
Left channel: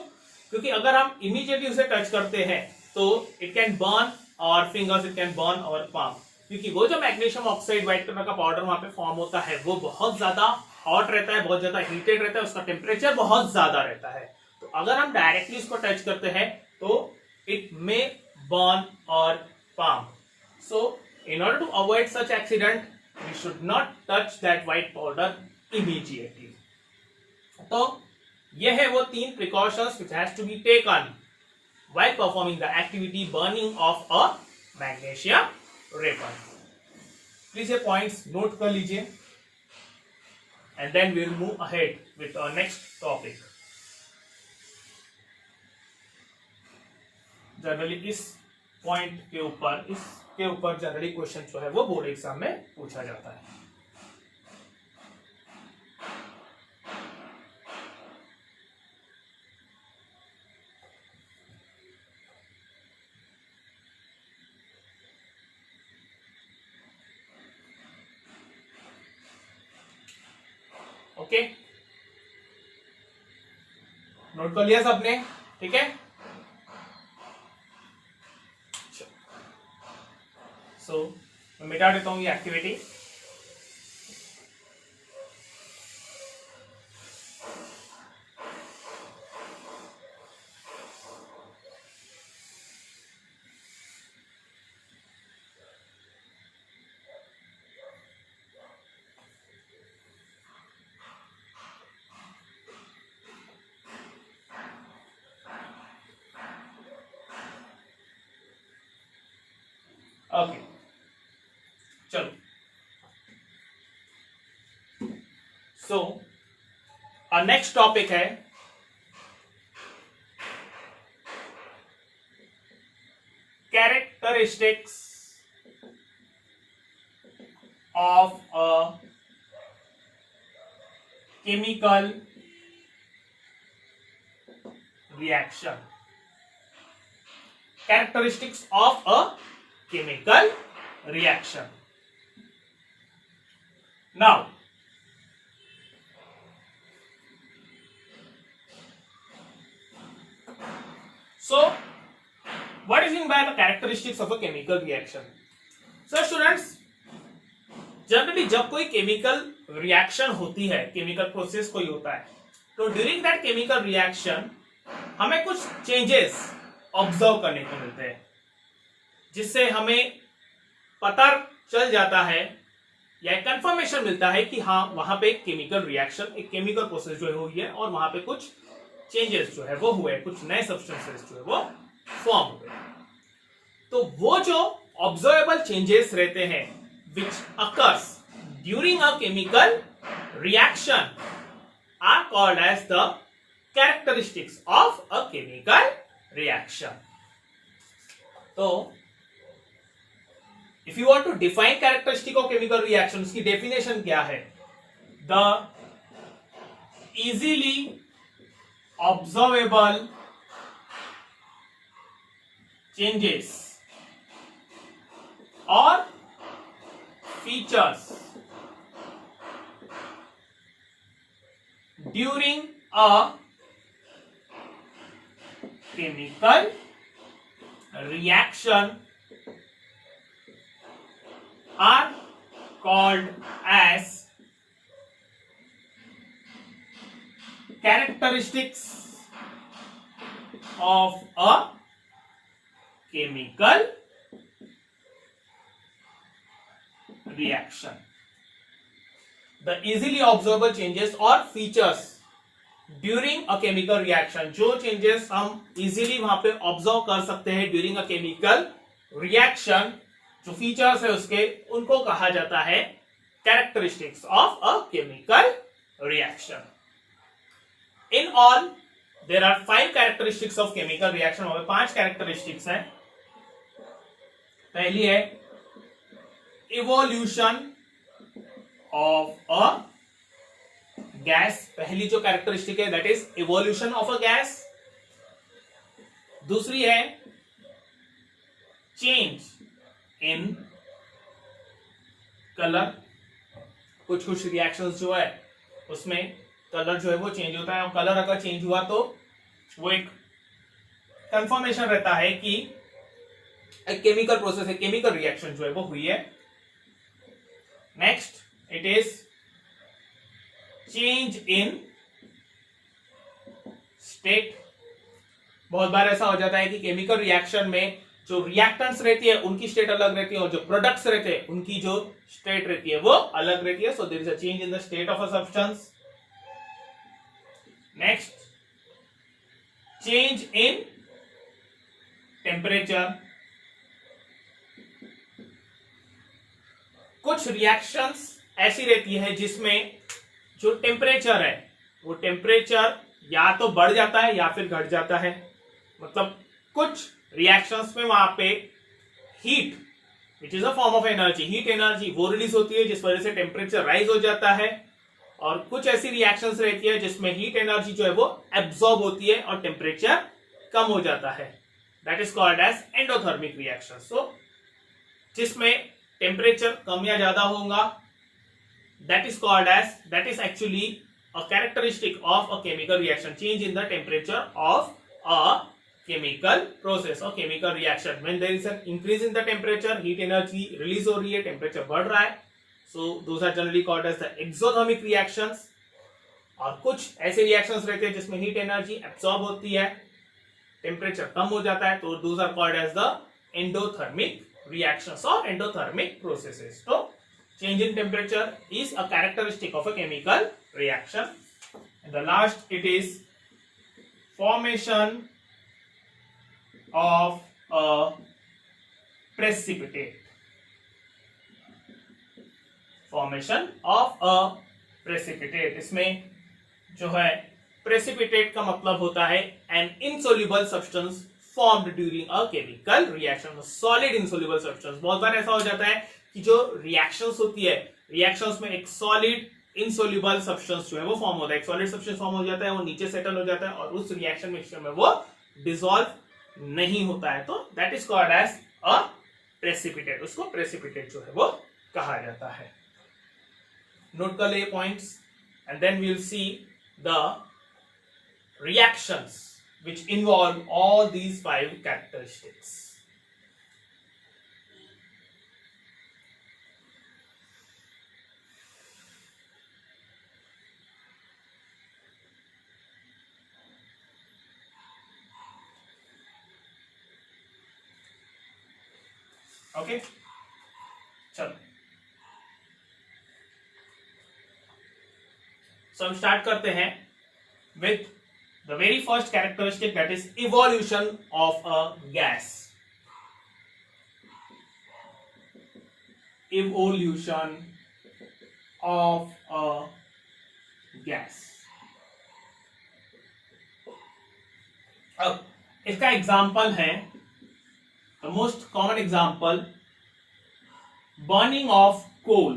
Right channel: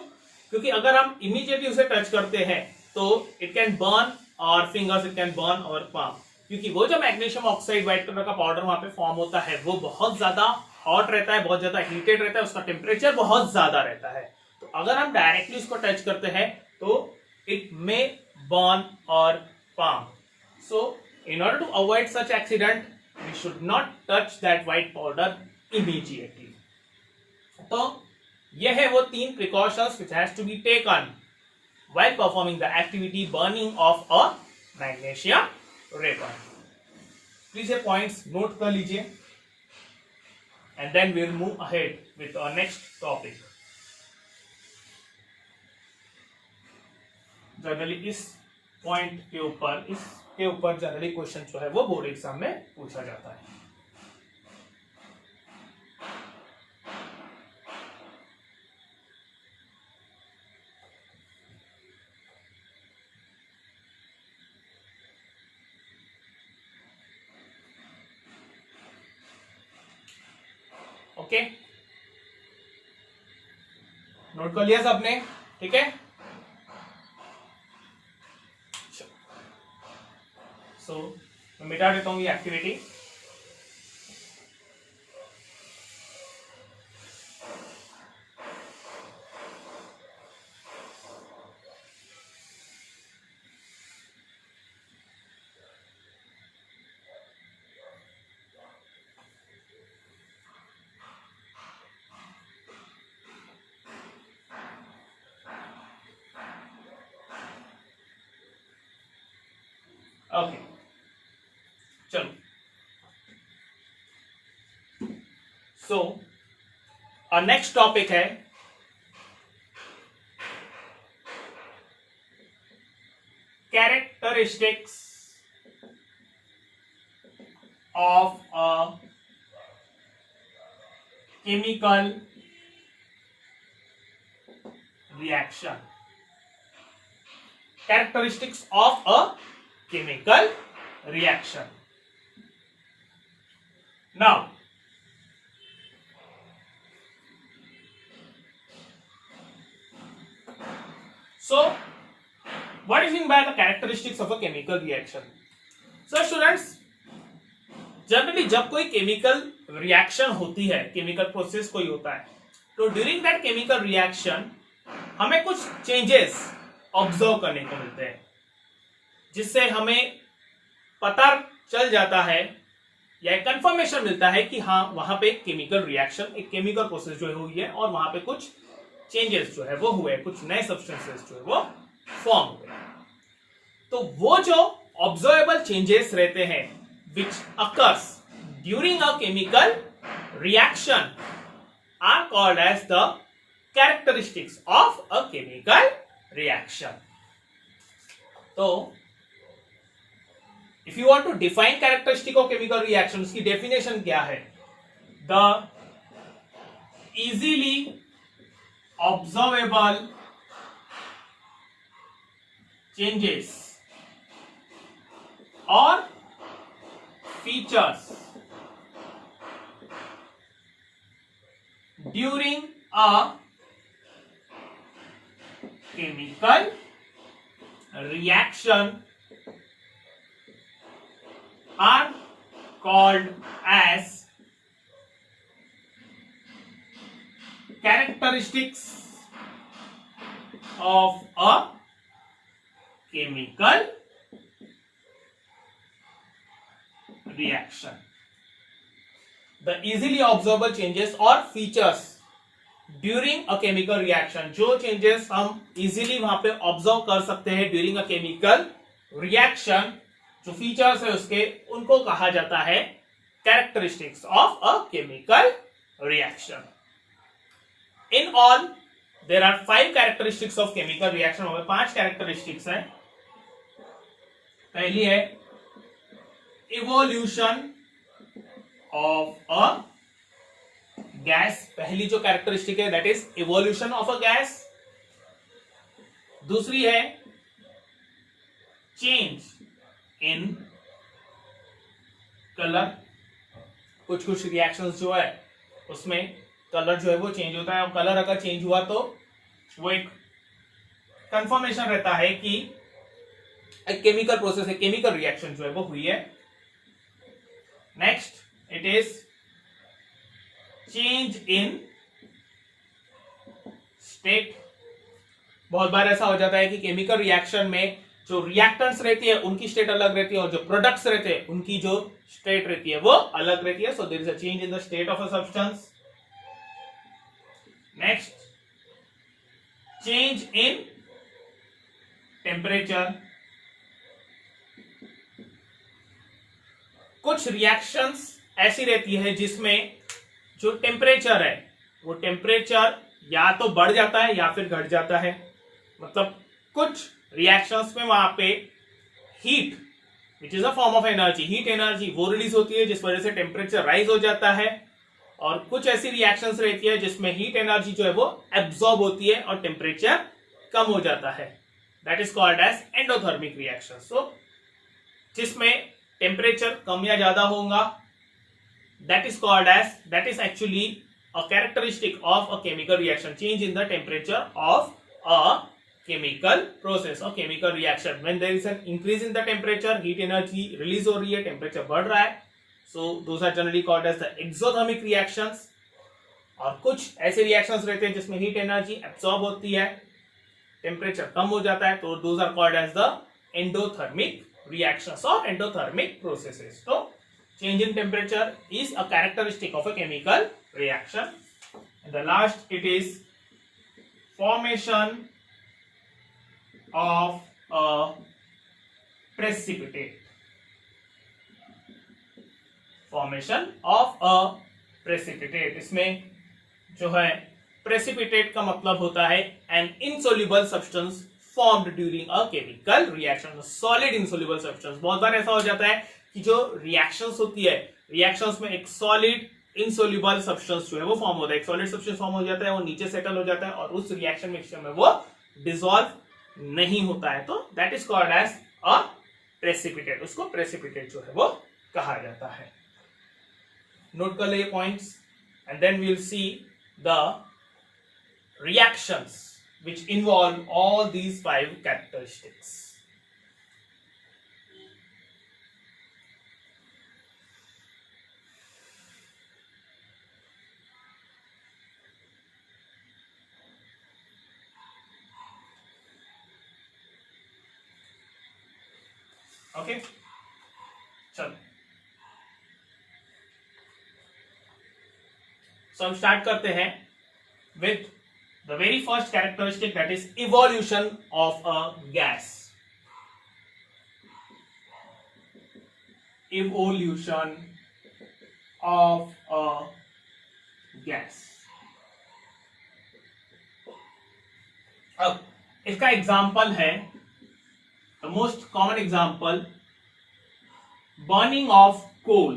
क्योंकि अगर हम इमीडिएटली उसे टच करते हैं तो it can burn our fingers, it can burn our palm. क्योंकि वो जो मैग्नीशियम ऑक्साइड व्हाइट कलर का पाउडर वहां पे फॉर्म होता है वो बहुत ज्यादा हॉट रहता है, बहुत ज्यादा हीटेड रहता है, उसका टेम्परेचर बहुत ज्यादा रहता है. तो अगर हम डायरेक्टली उसको टच करते हैं तो it may burn our palm. So in order to avoid such accident we should not touch that white powder immediately. तो यह है वो 3 precautions which has to be taken while performing the activity burning of a magnesium ribbon. Please ये points note कर लीजिए. and then we'll move ahead with our next topic. Generally इस point के ऊपर, इसके ऊपर जनरली क्वेश्चन जो है वो बोर्ड एग्जाम में पूछा जाता है. ओके, नोट कर लिया सबने? ठीक है. सो मैं मिटा देता हूं ये एक्टिविटी. ओके, चलो. सो नेक्स्ट टॉपिक है characteristics of a chemical reaction. Characteristics of a chemical reaction. Now, so what is meant by the characteristics of a chemical reaction? So students, generally जब कोई केमिकल रिएक्शन होती है, chemical process कोई होता है, तो during that chemical reaction हमें कुछ चेंजेस ऑब्जर्व करने को मिलते हैं, जिससे हमें पता चल जाता है या कंफर्मेशन मिलता है कि हाँ वहां पे केमिकल रिएक्शन, एक केमिकल प्रोसेस जो है हुई है और वहां पे कुछ चेंजेस जो है वो हुए, कुछ नए सब्सटेंसेस जो है वो फॉर्म हुए. तो वो जो ऑब्जर्वेबल चेंजेस रहते हैं which occurs during a chemical reaction are called as the characteristics of a chemical reaction. तो if you want to define characteristic of chemical reaction, उसकी definition क्या है? The easily observable changes or features during a chemical reaction are called as characteristics of a chemical reaction. The easily observable changes or features during a chemical reaction, जो changes हम easily वहां पे observe कर सकते हैं during a chemical reaction, जो features है उसके, उनको कहा जाता है characteristics of a chemical reaction. In all there are 5 characteristics of chemical reaction. वहां पे 5 कैरेक्टरिस्टिक्स हैं. पहली है इवोल्यूशन ऑफ अ गैस. पहली जो कैरेक्टरिस्टिक है that is evolution of a gas. दूसरी है चेंज इन कलर. कुछ रिएक्शंस जो है उसमें कलर जो है वो चेंज होता है, और कलर अगर चेंज हुआ तो वो एक कंफर्मेशन रहता है कि एक केमिकल प्रोसेस है, केमिकल रिएक्शन जो है वो हुई है. Next it is change in state. बहुत बार ऐसा हो जाता है कि केमिकल रिएक्शन में जो रिएक्टेंट्स रहती है उनकी स्टेट अलग रहती है और जो प्रोडक्ट्स रहते हैं उनकी जो स्टेट रहती है वो अलग रहती है. So there is a change in the state of a substance. Next change in temperature. कुछ रिएक्शंस ऐसी रहती है जिसमें जो टेम्परेचर है वो टेम्परेचर या तो बढ़ जाता है या फिर घट जाता है। मतलब कुछ रिएक्शंस में वहां पे heat which is a form of energy, heat energy वो रिलीज होती है जिस वजह से टेम्परेचर राइज हो जाता है। और कुछ ऐसी रिएक्शंस रहती है जिसमें हीट एनर्जी जो है वो एब्सॉर्ब होती है और टेम्परेचर कम हो जाता है। That is called as endothermic reaction. So जिसमें टेम्परेचर कम या ज्यादा होगा, that is called as, that is actually a characteristic of a chemical reaction, change in the temperature of a chemical process or chemical reaction. When there is an increase in the temperature, heat energy release हो रही है, temperature बढ़ रहा है, so those are generally called as the exothermic reactions. और कुछ ऐसे reactions रहते हैं जिसमें heat energy absorb होती है, temperature कम हो जाता है, तो those are called as the endothermic reactions or endothermic processes. तो change in temperature is a characteristic of a chemical reaction. And the last, it is formation of a precipitate. Formation of a precipitate. इसमें जो है precipitate का मतलब होता है an insoluble substance formed during a chemical reaction. Solid insoluble substance. बहुत बार ऐसा हो जाता है कि जो रिएक्शंस होती है, रिएक्शंस में एक सॉलिड इनसोल्यूबल सब्सटेंस जो है वो फॉर्म होता है, एक सॉलिड सब्सटेंस फॉर्म हो जाता है, वो नीचे सेटल हो जाता है और उस रिएक्शन मिक्सचर में वो डिसॉल्व नहीं होता है, तो that is called as a precipitate. उसको प्रेसिपिटेट जो है वो कहा जाता है। नोट कर ले points and then we will see the reactions which involve all these 5 characteristics. Okay, चलो सो हम स्टार्ट करते हैं with the very first characteristic, that is evolution of a gas. Evolution of a gas. अब इसका example है, the most common example, burning of coal.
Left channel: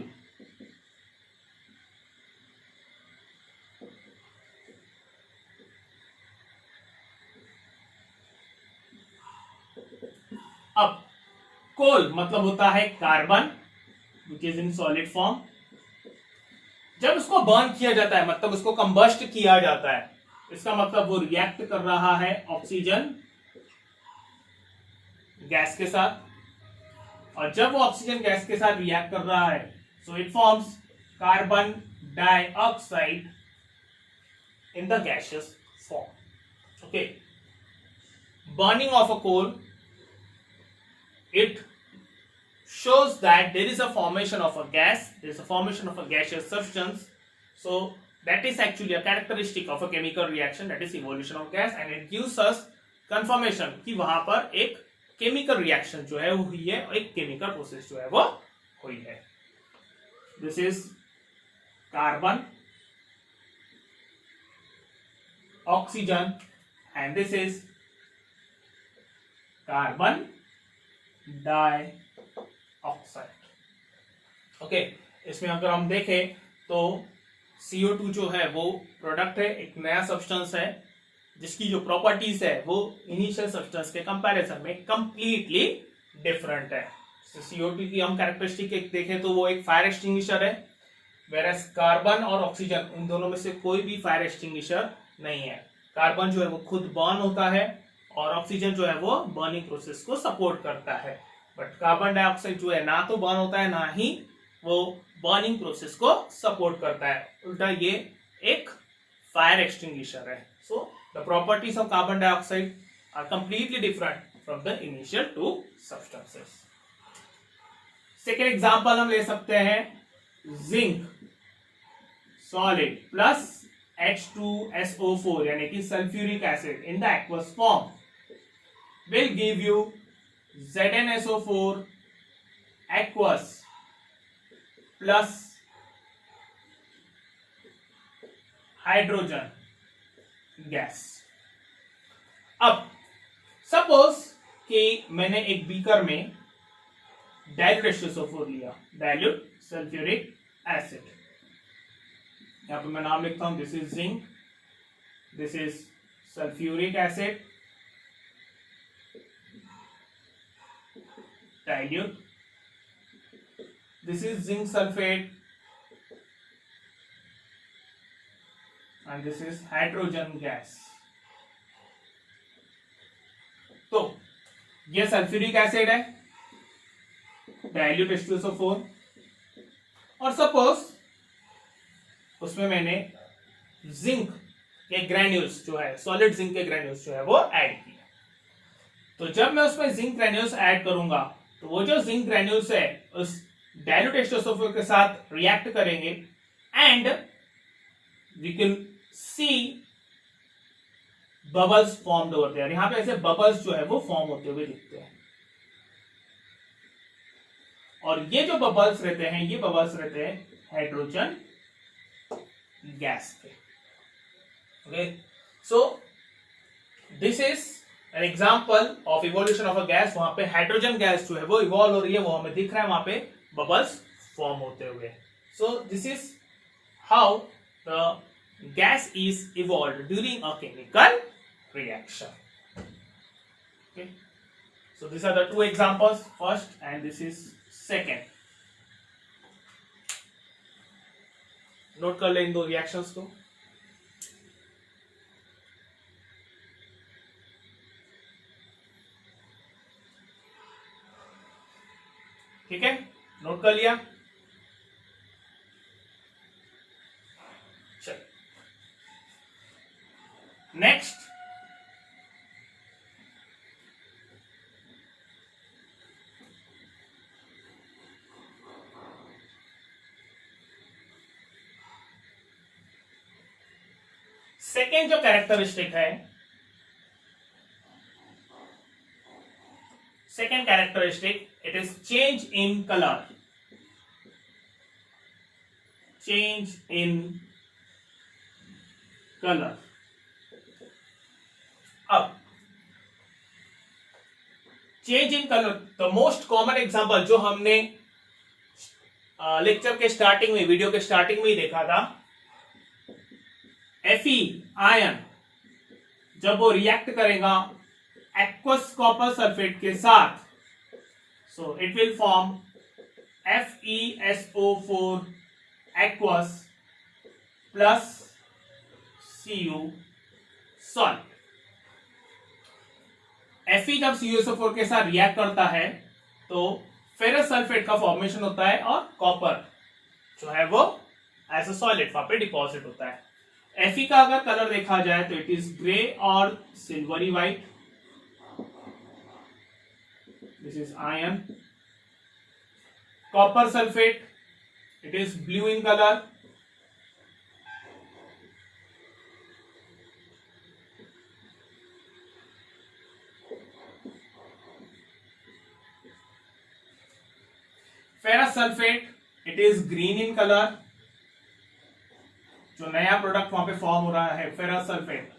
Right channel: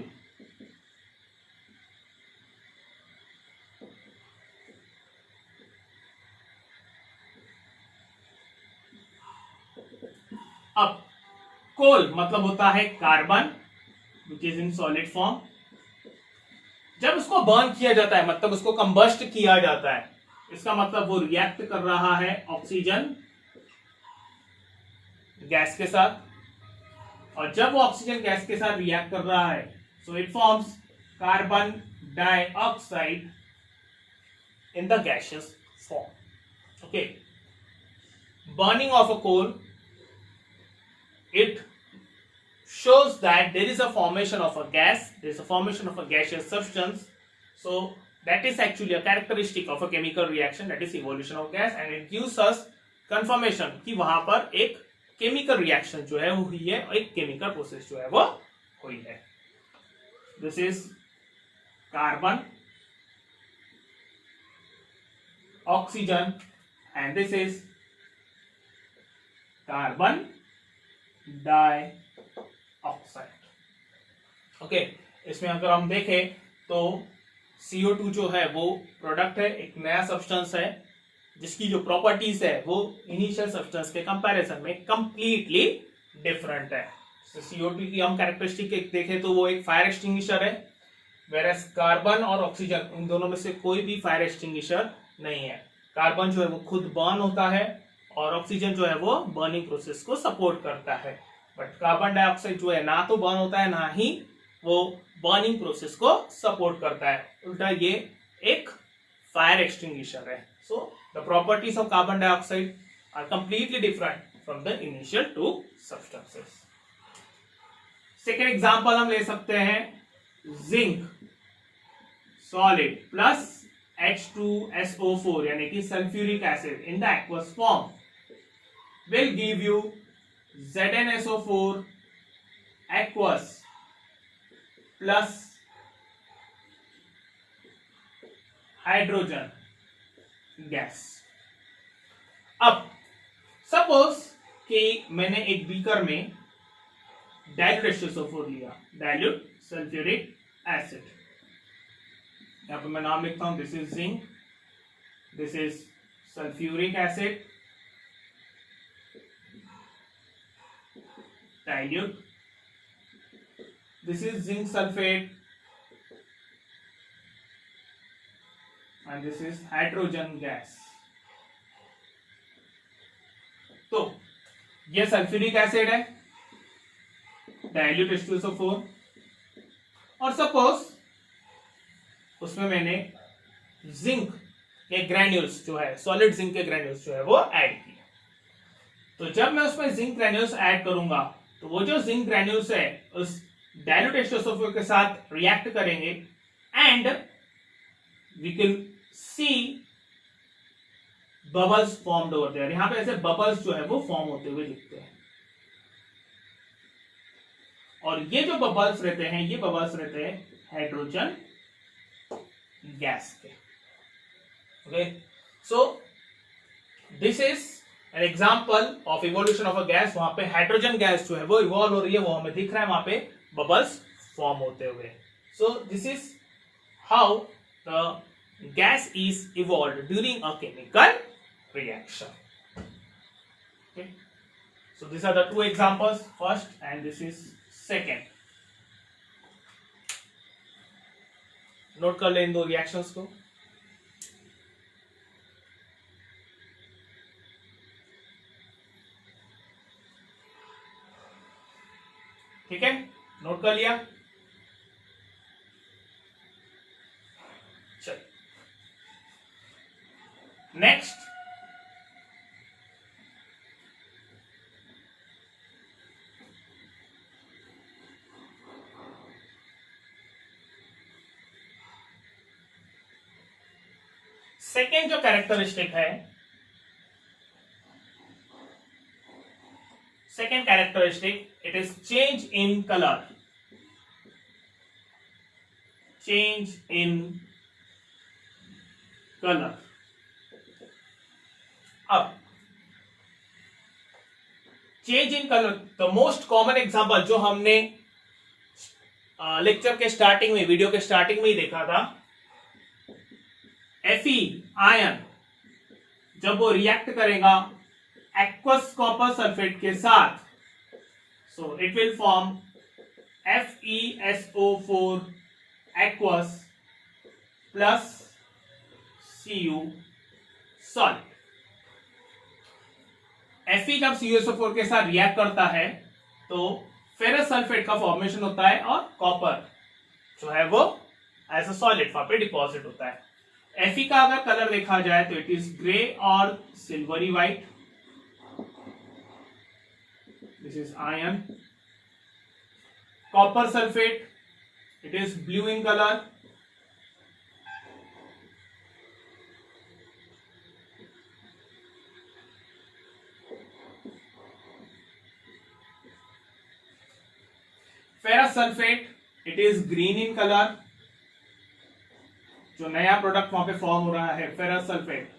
अब कोल मतलब होता है carbon which is in solid form. जब उसको बर्न किया जाता है, मतलब उसको कंबस्ट किया जाता है, इसका मतलब वो रिएक्ट कर रहा है ऑक्सीजन गैस के साथ, और जब वो ऑक्सीजन गैस के साथ रिएक्ट कर रहा है, so it forms carbon dioxide in the gaseous form. Okay, burning of a coal, it shows that there is a formation of a gas, there is a formation of a gaseous substance. So that is actually a characteristic of a chemical reaction, that is evolution of gas, and it gives us confirmation कि वहां पर एक chemical reaction जो है वो हुई है और एक केमिकल प्रोसेस जो है वो हुई है। This is carbon, oxygen, and this is carbon dioxide. Okay, इसमें अगर हम देखें तो CO2 जो है वो प्रोडक्ट है, एक नया सब्सटेंस है जिसकी जो प्रॉपर्टीज है वो इनिशियल सब्सटेंस के कंपैरिजन में कंप्लीटली डिफरेंट है। CO2 की हम कैरेक्टरिस्टिक देखें तो वो एक फायर एक्सटिंग्विशर है, वेरएस कार्बन और ऑक्सीजन इन दोनों में से कोई भी फायर एक्सटिंग्विशर नहीं है। कार्बन जो है वो खुद बर्न होता है और ऑक्सीजन जो है वो बर्निंग प्रोसेस को सपोर्ट करता है, बट कार्बन डाइऑक्साइड जो है ना तो बर्न होता है ना ही वो बर्निंग प्रोसेस को सपोर्ट करता है, उल्टा ये एक फायर एक्सटिंग्विशर है। So the properties of carbon dioxide are completely different from the initial two substances. Second example हम ले सकते हैं, जिंक सॉलिड प्लस H2SO4 यानी कि sulphuric acid in the aqueous form will give you ZnSO4 aqueous plus hydrogen gas. अब suppose कि मैंने एक बीकर में डाइल्यूट H2SO4 लिया, डाइल्यूट सल्फ्यूरिक एसिड। यहां पे मैं नाम लिखता हूं, this is zinc, this is sulphuric acid, dilute, this is zinc sulfate and this is hydrogen gas। तो ये सल्फ्यूरिक एसिड है, डाइल्यूट H2SO4, और सपोज उसमें मैंने जिंक के ग्रैन्यूल्स जो है, सॉलिड जिंक के ग्रैन्यूल्स जो है वो ऐड किए। तो जब मैं उसमें जिंक ग्रैन्यूल्स ऐड करूंगा तो वो जो जिंक ग्रैन्यूल्स है उस डाइल्यूट H2SO4 के साथ रिएक्ट करेंगे and we can see bubbles formed over there. यहां पे ऐसे बबल्स जो है वो फॉर्म होते हुए दिखते हैं, और ये जो बबल्स रहते हैं, ये बबल्स रहते हैं हाइड्रोजन गैस के। Okay, so this is an example of evolution of a gas. वहां पे हाइड्रोजन गैस जो है वो इवॉल्व हो रही है, वो हमें दिख रहा है वहां पे बबल्स फॉर्म होते हुए। सो this is how the gas is evolve during a chemical reaction। Okay, so these are the two examples, first and this is second। Note कर ले इन दो रिएक्शंस को। ठीक है, नोट कर लिया। चल नेक्स्ट, सेकेंड जो कैरेक्टरिस्टिक है, second characteristic, it is change in colour. Change in colour. अब change in colour, the most common example जो हमने लेक्चर के स्टार्टिंग में, वीडियो के स्टार्टिंग में ही देखा था, Fe आयन जब वो रिएक्ट करेगा एक्वस कॉपर सल्फेट के साथ, so it will form FeSO4 aqueous plus Cu salt. Fe जब CuSO4 के साथ रिएक्ट करता है तो फेरस सल्फेट का फॉर्मेशन होता है और कॉपर जो है वो एज अ सॉलिड वहां पे डिपॉजिट होता है। Fe का अगर कलर देखा जाए तो इट इज ग्रे और silvery white, this is ion. Copper sulphate, it is blue in colour. Ferrous sulphate, it is green in colour. जो नया प्रोडक्ट वहां पे फॉर्म हो रहा है फेरस सल्फेट,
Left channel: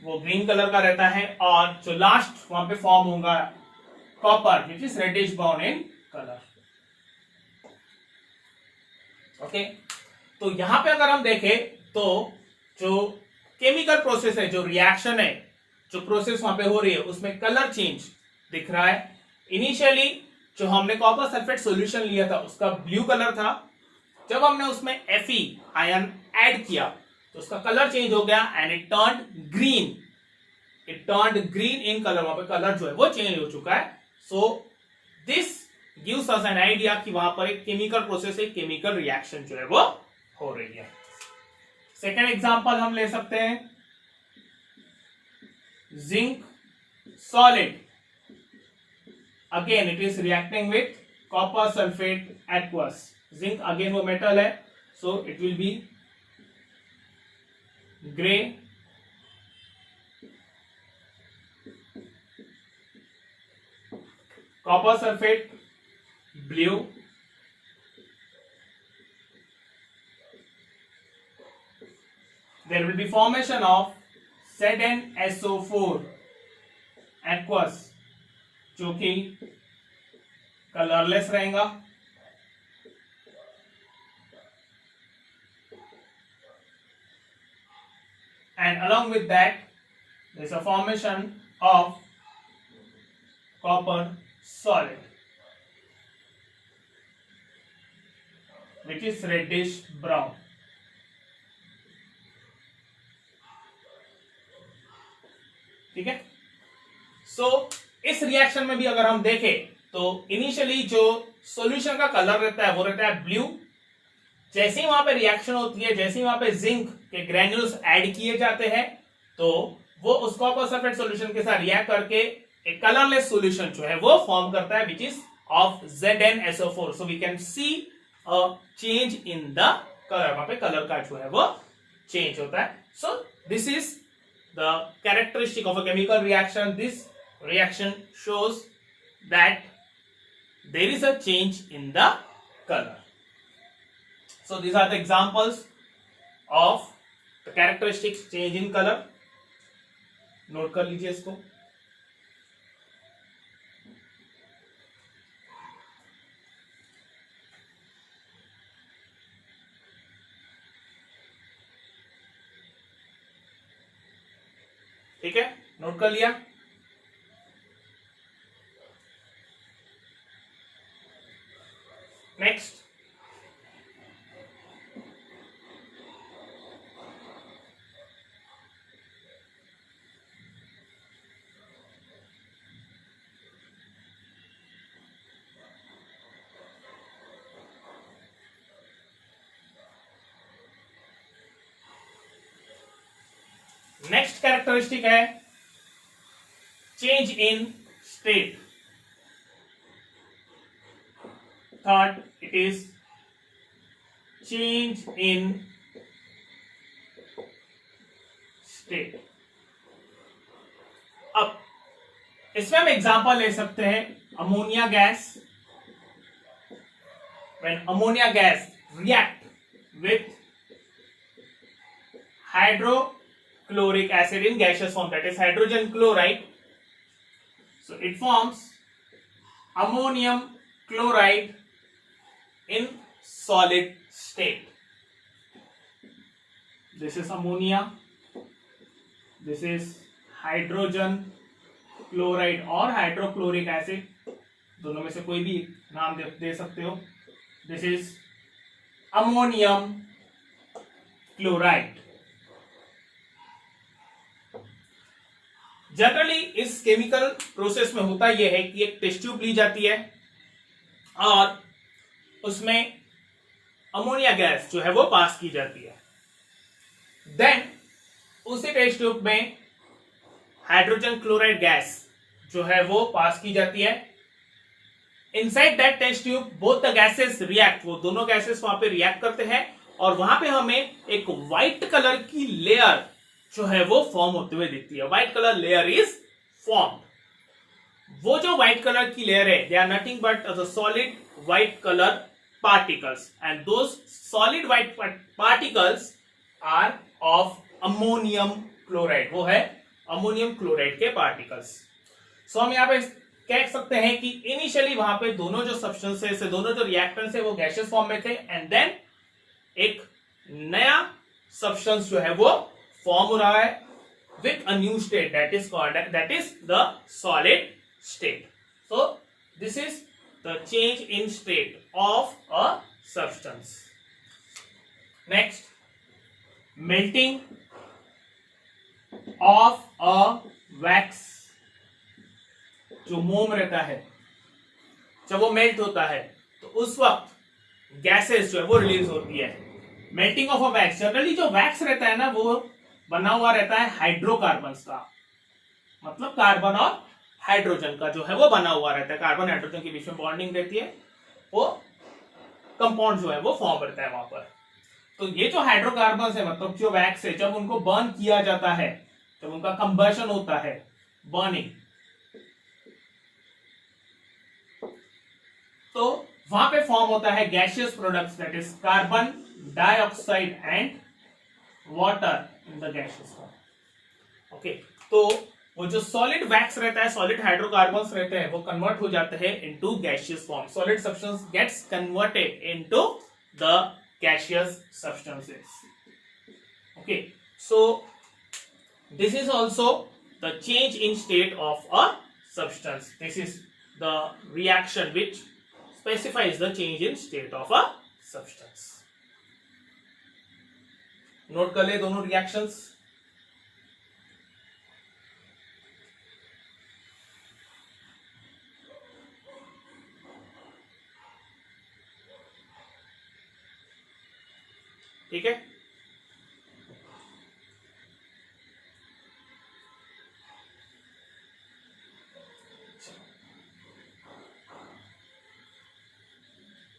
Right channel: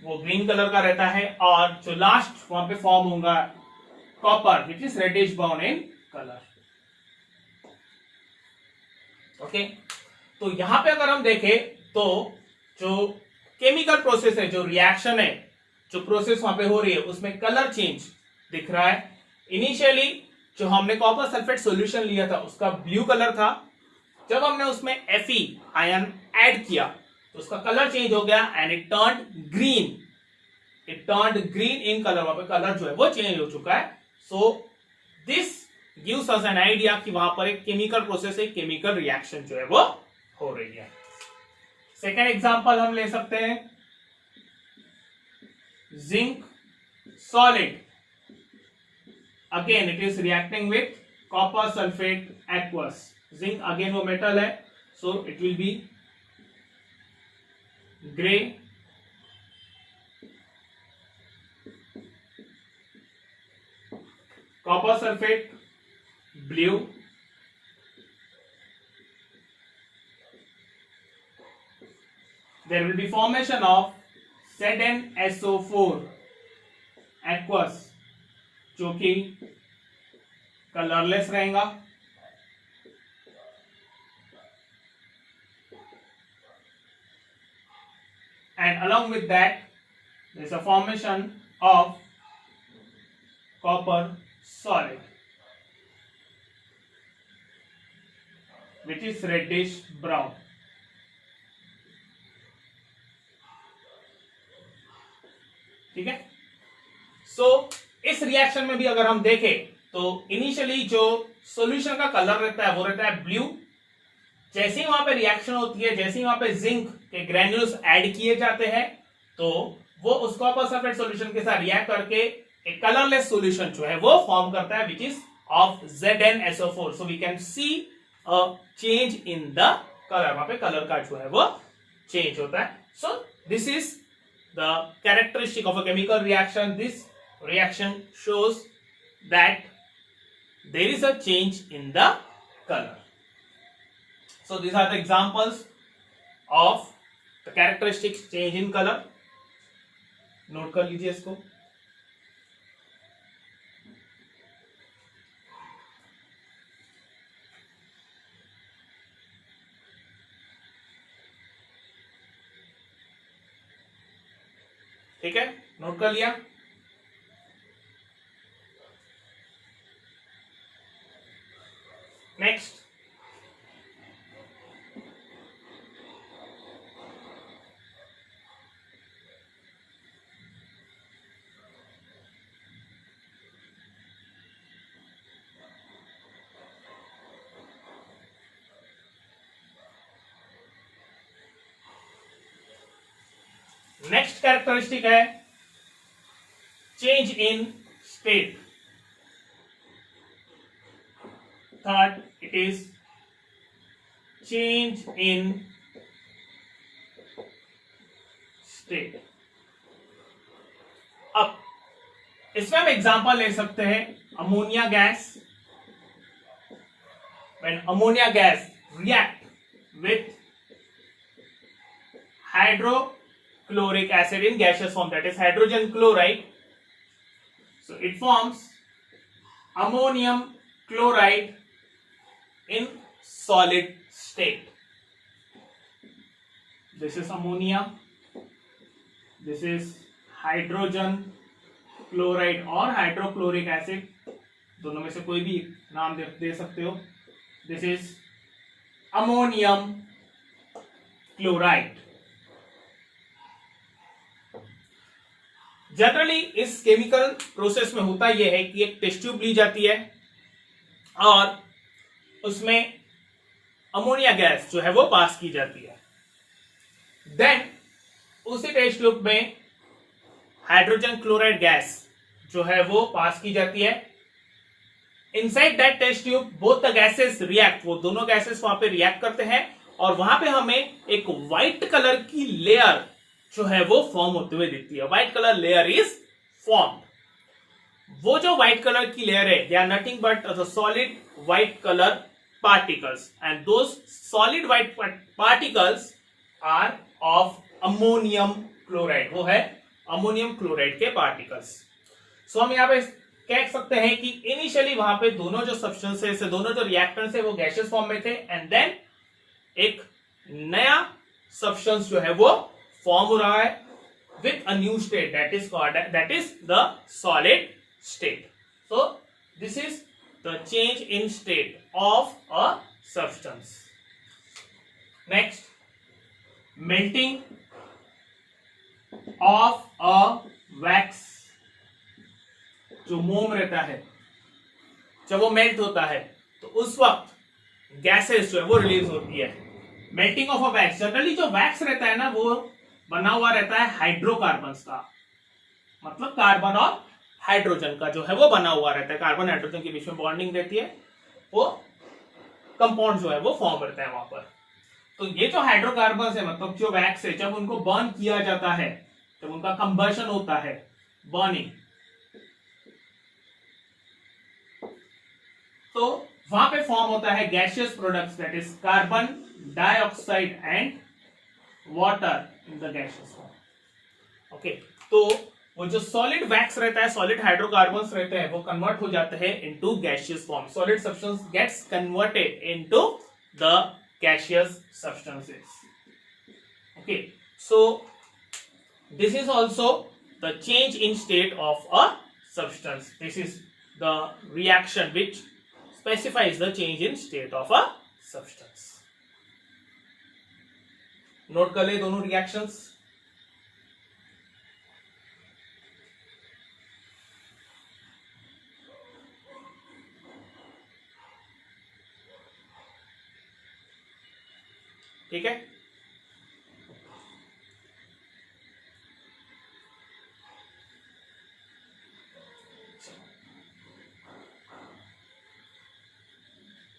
वो ग्रीन कलर का रहता है, और जो लास्ट वहां पे फॉर्म होगा copper which is reddish brown in colour. Okay, तो यहां पे अगर हम देखें तो जो केमिकल प्रोसेस है, जो रिएक्शन है, जो प्रोसेस वहां पे हो रही है, उसमें कलर चेंज दिख रहा है। इनिशियली जो हमने कॉपर सल्फेट सॉल्यूशन लिया था उसका ब्लू कलर था, जब हमने उसमें Fe आयन ऐड किया तो उसका कलर चेंज हो गया and it turned green. It turned green in colour, वहां पे कलर जो है वो चेंज हो चुका है। So this gives us an idea कि वहां पर एक केमिकल प्रोसेस, एक केमिकल रिएक्शन जो है वो हो रही है। सेकेंड एग्जांपल हम ले सकते हैं, zinc solid, again it is reacting with copper sulphate aqueous. Zinc again वो मेटल है, so it will be grey copper sulfate, blue, there will be formation of ZnSO4 aqueous जो कि कलरलेस रहेगा, and along with that there is a formation of copper solid which is reddish brown. ठीक है. सो इस reaction में भी अगर हम देखें तो इनिशियली जो सॉल्यूशन का कलर रहता है वो रहता है ब्लू. जैसे ही वहां पे रिएक्शन होती है, जैसे ही वहां पे जिंक के ग्रेन्यूल्स ऐड किए जाते हैं तो वो उस कॉपर सल्फेट सॉल्यूशन के साथ रिएक्ट करके एक कलरलेस सॉल्यूशन जो है वो फॉर्म करता है which is of ZnSO4. So we can see a change in the colour. वहां पे कलर का जो है वो चेंज होता है. सो this is the characteristic of a chemical reaction. This reaction shows that there is a change in the color. So these are the examples of the characteristic change in color. Note कर लीजिए इसको. ठीक है, note कर लिया. Next, next characteristic है change in state. Third, it is change in state. अब इसमें हम एग्जांपल ले सकते हैं ammonia gas. When ammonia gas react with hydrochloric acid in gaseous form, that is hydrogen chloride, so it forms ammonium chloride in solid state. This is ammonia, this is hydrogen chloride और hydrochloric acid, दोनों में से कोई भी नाम दे सकते हो. This is ammonium chloride. Generally इस केमिकल प्रोसेस में होता यह है कि एक टेस्ट ट्यूब ली जाती है और उसमें अमोनिया गैस जो है वो पास की जाती है. देन उसी टेस्ट ट्यूब में हाइड्रोजन क्लोराइड गैस जो है वो पास की जाती है. Inside that test tube both the gases react. वो दोनों गैसेस वहां पे रिएक्ट करते हैं और वहां पे हमें एक व्हाइट कलर की लेयर जो है वो फॉर्म होते हुए दिखती है. White colour layer is formed. वो जो व्हाइट कलर की लेयर है, they are nothing but the solid white colour particles, and those solid white particles are of ammonium chloride. वो है अमोनियम क्लोराइड के पार्टिकल्स. सो हम यहाँ पे कह सकते हैं कि इनिशियली वहां पे दोनों जो सब्सटेंसेस है, दोनों जो रिएक्टेंट्स है वो गैसियस फॉर्म में थे, एंड देन एक नया सब्सटेंस जो है वो फॉर्म हो रहा है with a new state, that is the solid state. So this is the change in state of a substance. Next, melting of a wax. जो मोम रहता है, जब वो मेल्ट होता है तो उस वक्त गैसेस जो है वो रिलीज होती है. Melting of a wax, generally जो वैक्स रहता है ना वो बना हुआ रहता है हाइड्रोकार्बन्स का, मतलब कार्बन और हाइड्रोजन का जो है वो बना हुआ रहता है. कार्बन हाइड्रोजन के बीच में बॉन्डिंग रहती है, वो कंपाउंड जो है वो फॉर्म करता है वहां पर. तो ये जो हाइड्रोकार्बन्स है, मतलब जो वैक्स है, जब उनको बर्न किया जाता है, जब उनका कंबशन होता है, बर्निंग, तो वहां पे फॉर्म होता है gaseous products, that is carbon dioxide and water in the gaseous form. Okay, तो वो जो सॉलिड वैक्स रहता है, सॉलिड हाइड्रोकार्बन्स रहते हैं, वो कन्वर्ट हो जाते हैं into gaseous form. Solid substance gets converted into the gaseous substances. Okay, so this is also the change in state of a substance. This is the reaction which specifies the change in state of a substance. Note कर ले दोनों reactions. ठीक है,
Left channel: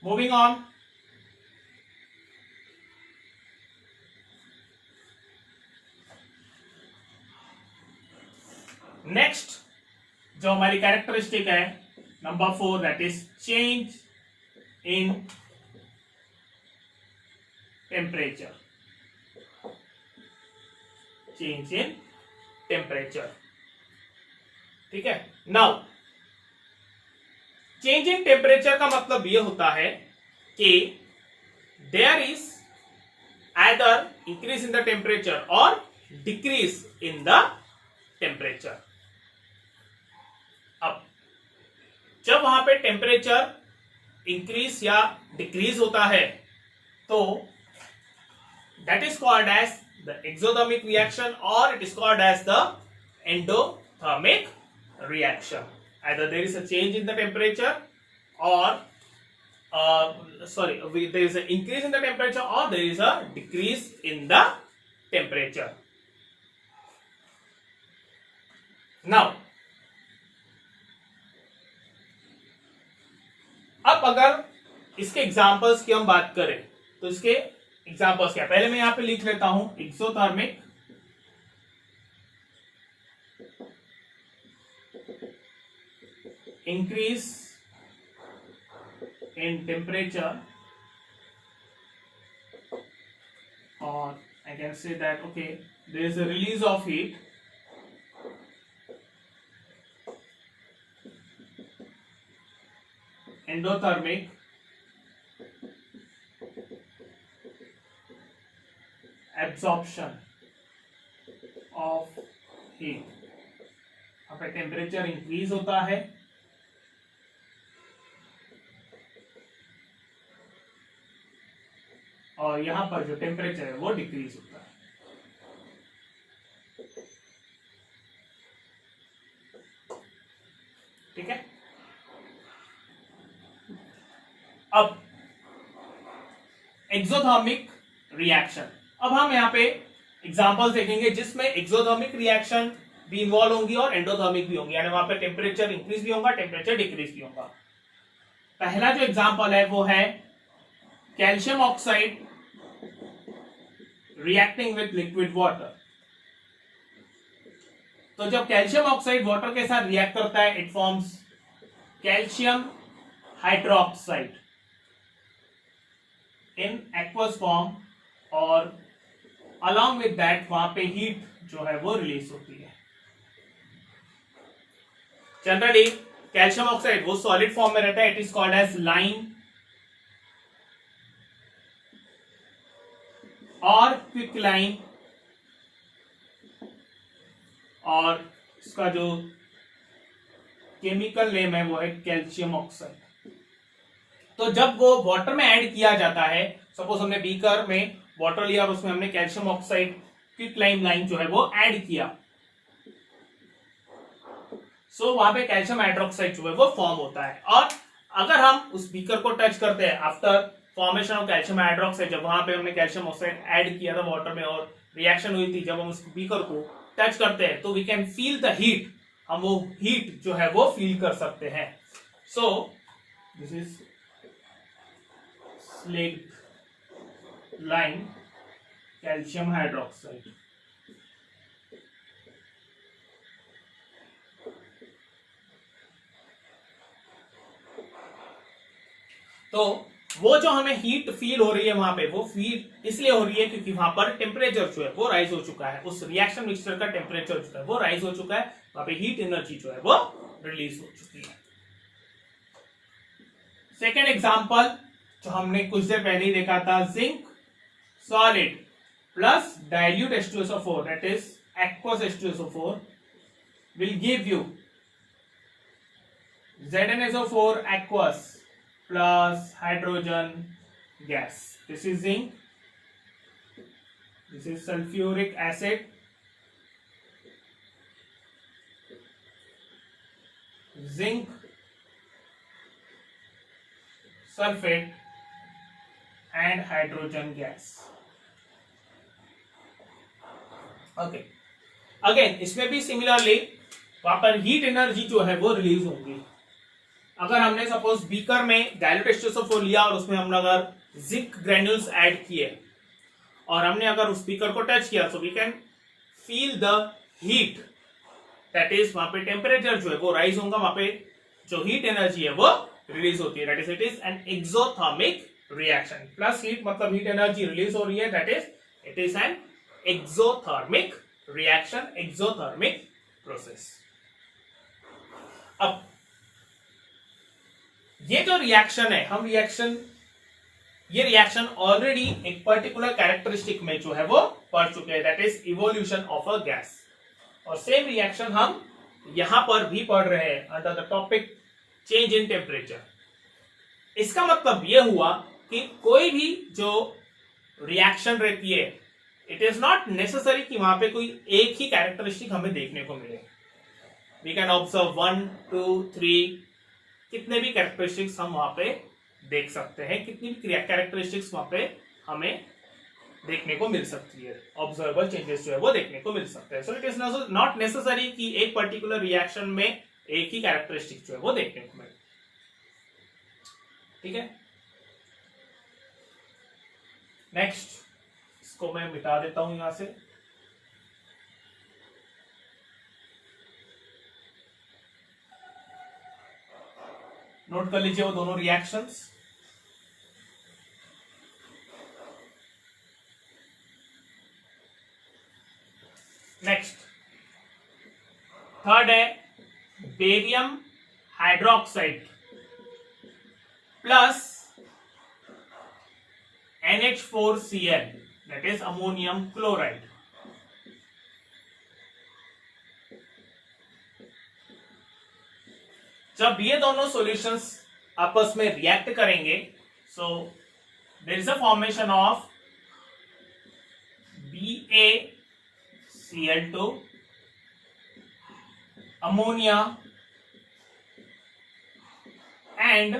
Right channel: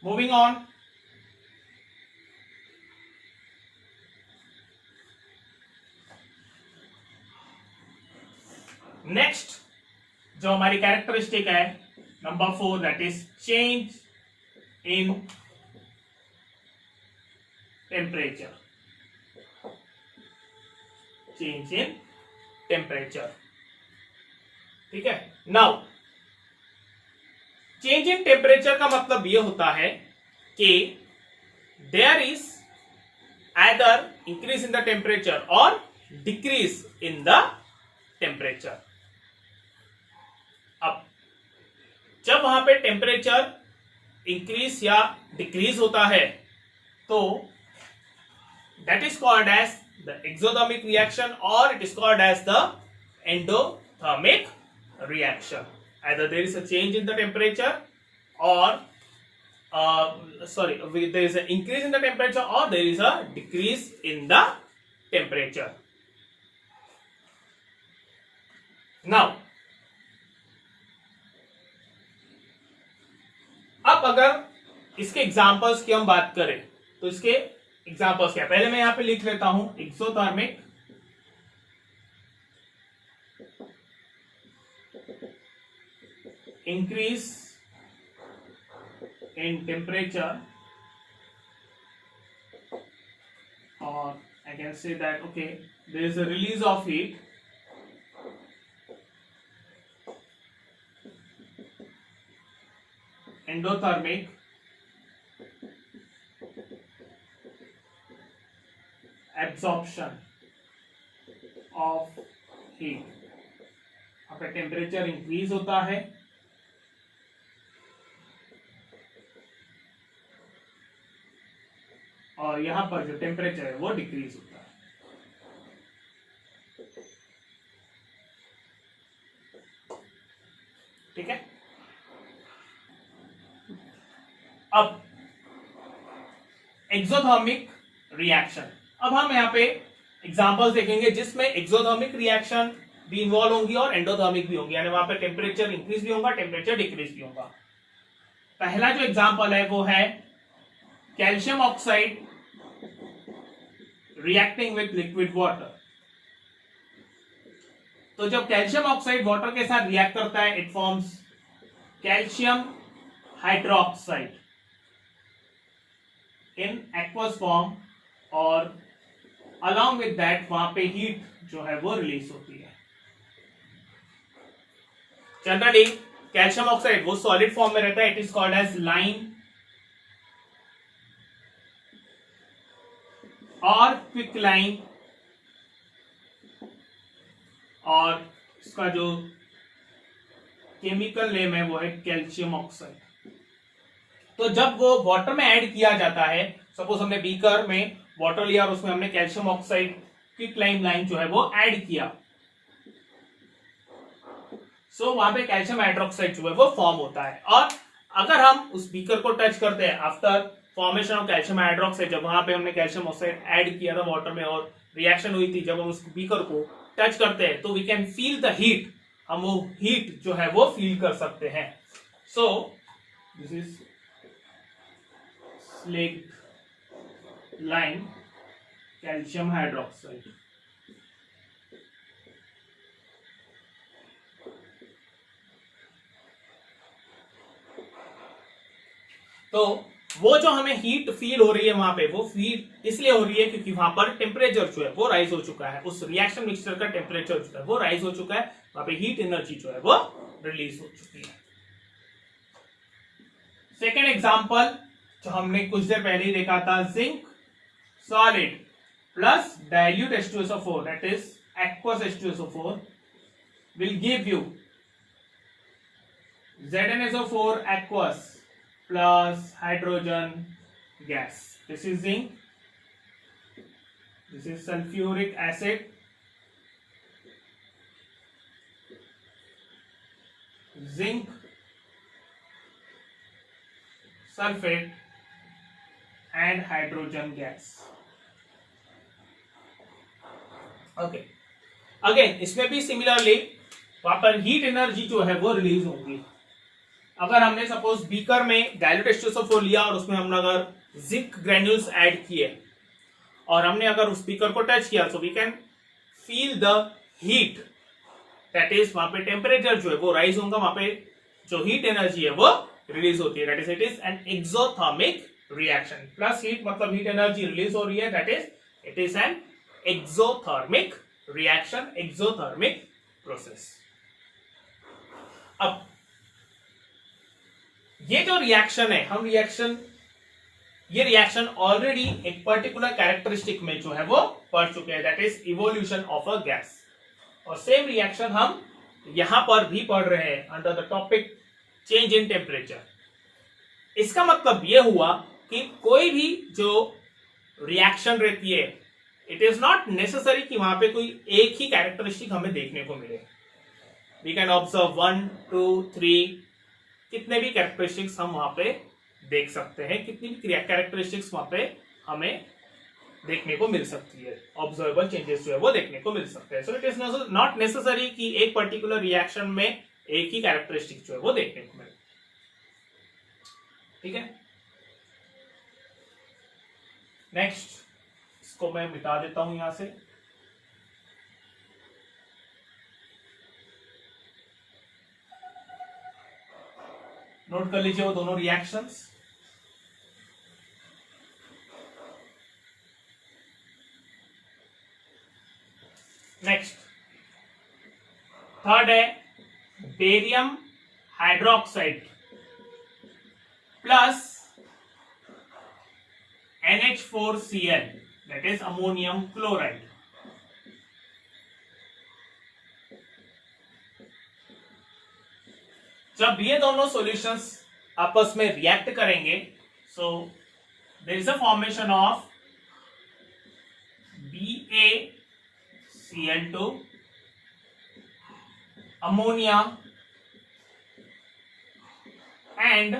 moving on. Next जो हमारी characteristic है number 4, that is change in temperature. Change in temperature, ठीक है। नाउ चेंज इन टेम्परेचर का मतलब यह होता है कि there is either increase in the temperature or decrease in the temperature. अब जब वहां पे टेम्परेचर इंक्रीज या डिक्रीज होता है तो that is called as the exothermic reaction और it is called as the endothermic reaction. Either there is a change in the temperature or there is an increase in the temperature or there is a decrease in the temperature. Now, अब अगर इसके examples की हम बात करें तो इसके examples क्या, पहले मैं यहां पे लिख लेता हूं exothermic increase in temperature, or I can say that okay, there is a release of heat, endothermic absorption of heat। यहाँ पे टेम्परेचर इंक्रीज होता है और यहां पर जो टेम्परेचर है वो डिक्रीज होता है। ठीक है, अब एक्सोथर्मिक रिएक्शन, अब हम यहां पे एग्जांपल्स देखेंगे जिसमें एक्सोथर्मिक रिएक्शन भी इन्वॉल्व होंगी और एंडोथर्मिक भी होंगी, यानी वहां पे टेम्परेचर इंक्रीज भी होगा, टेम्परेचर डिक्रीज भी होगा। पहला जो एग्जांपल है वो है calcium oxide reacting with liquid water. तो जब कैल्शियम ऑक्साइड वाटर के साथ रिएक्ट करता है it forms calcium hydroxide in aqueous form और अलॉन्ग विद दैट वहां पे हीट जो है वो रिलीज होती है। जनरली कैल्शियम ऑक्साइड वो सॉलिड फॉर्म में रहता है, it is called as lime or quick lime, और इसका जो केमिकल नेम है वो है कैल्शियम ऑक्साइड। तो जब वो वाटर में ऐड किया जाता है, सपोज हमने बीकर में वाटर लिया और उसमें हमने कैल्शियम ऑक्साइड क्विक लाइम जो है वो ऐड किया, सो वहां पे कैल्शियम हाइड्रोक्साइड जो है वो फॉर्म होता है। और अगर हम उस बीकर को टच करते हैं after formation of calcium hydroxide, जब वहां पे हमने कैल्शियम ऑक्साइड ऐड किया था वाटर में और रिएक्शन हुई थी, जब हम उस बीकर को टच करते हैं तो we can feel the heat, हम वो हीट जो है वो फील कर सकते हैं। सो this is slaked lime calcium hydroxide. तो वो जो हमें हीट फील हो रही है वहां पे, वो फील इसलिए हो रही है क्योंकि वहां पर टेम्परेचर जो है वो राइज हो चुका है, उस रिएक्शन मिक्सचर का टेम्परेचर जो है वो राइज हो चुका है, वहां पे हीट एनर्जी जो है वो रिलीज हो चुकी है। सेकेंड एग्जाम्पल जो हमने कुछ देर पहले ही देखा था, zinc solid plus dilute H2SO4 that is aqueous H2SO4 will give you ZnSO4 aqueous plus hydrogen gas. This is zinc, this is sulfuric acid, zinc sulfate and hydrogen gas. Okay, again इसमें भी similarly वहां पर heat energy जो है वो release होगी। अगर हमने सपोज बीकर में डाइल्यूट H2SO4 लिया और उसमें हमने अगर जिंक ग्रेन्यूल्स ऐड किए और हमने अगर उस बीकर को टच किया, so we can feel the heat, that is वहां पे टेम्परेचर जो है वो राइज होगा, वहां पे जो हीट एनर्जी है वो रिलीज होती है, that is it is an exothermic reaction. Plus heat मतलब हीट एनर्जी रिलीज हो रही है, that is it is an exothermic reaction, exothermic process. अब ये जो रिएक्शन है, हम ये रिएक्शन ऑलरेडी एक पर्टिकुलर कैरेक्टरिस्टिक में जो है वो पढ़ चुके हैं, that is evolution of a gas. और सेम रिएक्शन हम यहां पर भी पढ़ रहे हैं under the topic change in temperature. इसका मतलब यह हुआ कि कोई भी जो रिएक्शन रहती है, इट इज नॉट नेसेसरी कि वहां पे कोई एक ही कैरेक्टरिस्टिक हमें देखने को मिले। वी कैन ऑब्जर्व 1, 2, 3 कितने भी कैरेक्टरिस्टिक्स हम वहां पे देख सकते हैं, कितनी भी कैरेक्टरिस्टिक्स वहां पे हमें देखने को मिल सकती है, ऑब्जर्वेबल चेंजेस जो है वो देखने को मिल सकते हैं। So it is not necessary कि एक पर्टिकुलर रिएक्शन में एक ही कैरेक्टरिस्टिक जो है वो देखने को मिले। ठीक है, नेक्स्ट इसको मैं मिटा देता हूं यहां से। नोट कर लीजिए वो दोनों रिएक्शंस। नेक्स्ट थर्ड है barium hydroxide plus NH4Cl, that is ammonium chloride। जब ये दोनों सॉल्यूशंस आपस में रिएक्ट करेंगे, so there is a formation of BaCl2 ammonia and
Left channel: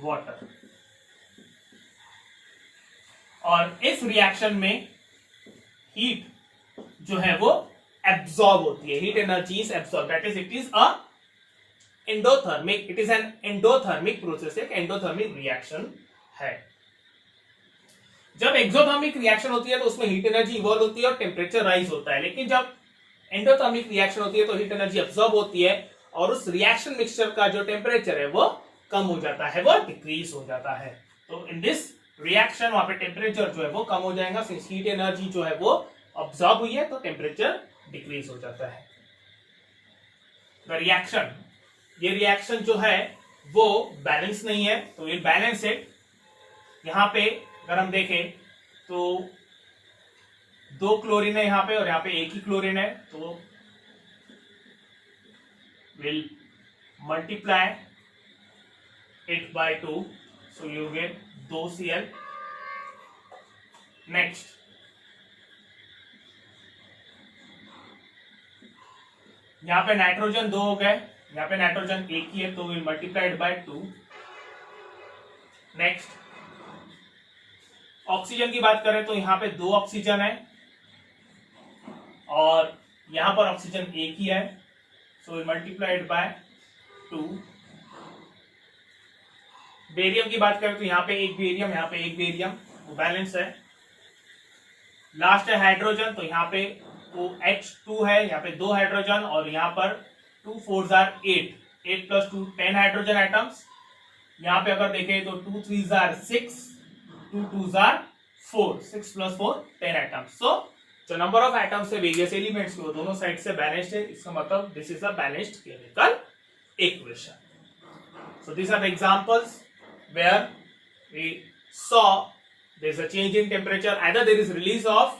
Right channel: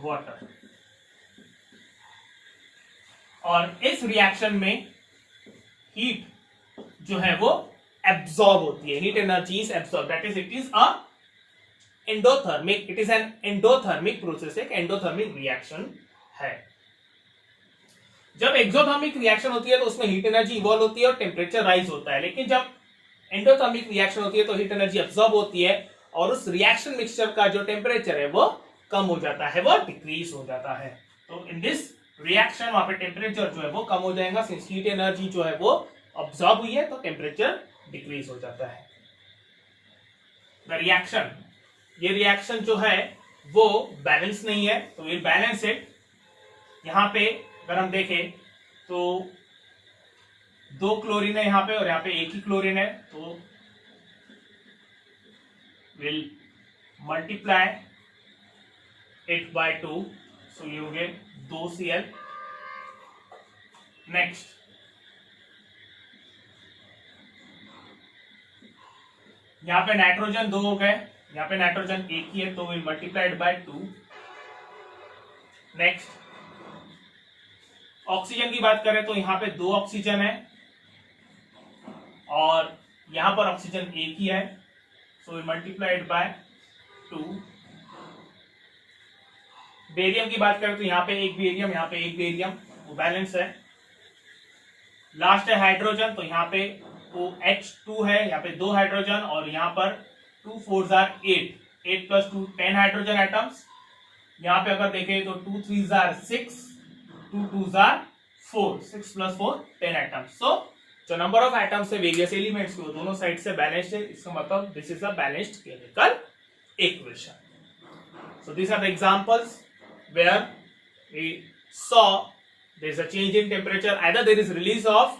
water. और इस रिएक्शन में हीट जो है वो एब्सॉर्ब होती है, heat energy is absorb, that is it is a endothermic, it is an endothermic process, एक एंडोथर्मिक रिएक्शन है। जब एक्सोथर्मिक रिएक्शन होती है तो उसमें हीट एनर्जी इवॉल्व होती है और टेम्परेचर राइज होता है, लेकिन जब एंडोथर्मिक रिएक्शन होती है तो हीट एनर्जी एब्सॉर्ब होती है और उस रिएक्शन मिक्सचर का जो टेम्परेचर है वो कम हो जाता है, वो डिक्रीज हो जाता है। तो इन दिस रिएक्शन वहां पे टेम्परेचर जो है वो कम हो जाएगा, सिंस हीट एनर्जी जो है वो ऑब्जॉर्ब हुई है तो टेम्परेचर डिक्रीज हो जाता है। द रिएक्शन, ये रिएक्शन जो है वो बैलेंस नहीं है, तो ये बैलेंस है। यहां पे अगर हम देखें तो 2 क्लोरीन है यहां पे और यहां पे एक ही क्लोरीन है, तो will multiply it by 2, so you get 2Cl। Next यहां पे नाइट्रोजन 2 हो गए, यहां पे नाइट्रोजन एक ही है तो will multiplied by 2। Next oxygen की बात करें तो यहां पे 2 ऑक्सीजन है और यहां पर ऑक्सीजन एक ही है, so will multiplied by 2। Barium की बात करें तो यहाँ पे एक बेरियम, यहाँ पे एक बेरियम, वो बैलेंस है। लास्ट है हाइड्रोजन, तो यहाँ पे वो H2 है, यहाँ पे 2 हाइड्रोजन और यहाँ पर 2 4s are 8, 8 + 2 10 हाइड्रोजन एटम्स। यहाँ पे अगर देखें तो 2 3s are 6, 2 2s are 4, 6 plus 4 10 atoms. So जो नंबर ऑफ एटम्स है वेरियस एलिमेंट्स को दोनों साइड से बैलेंस्ड है, इसका मतलब this is the balanced chemical equation. So these are the examples where we saw there is a change in temperature, either there is release of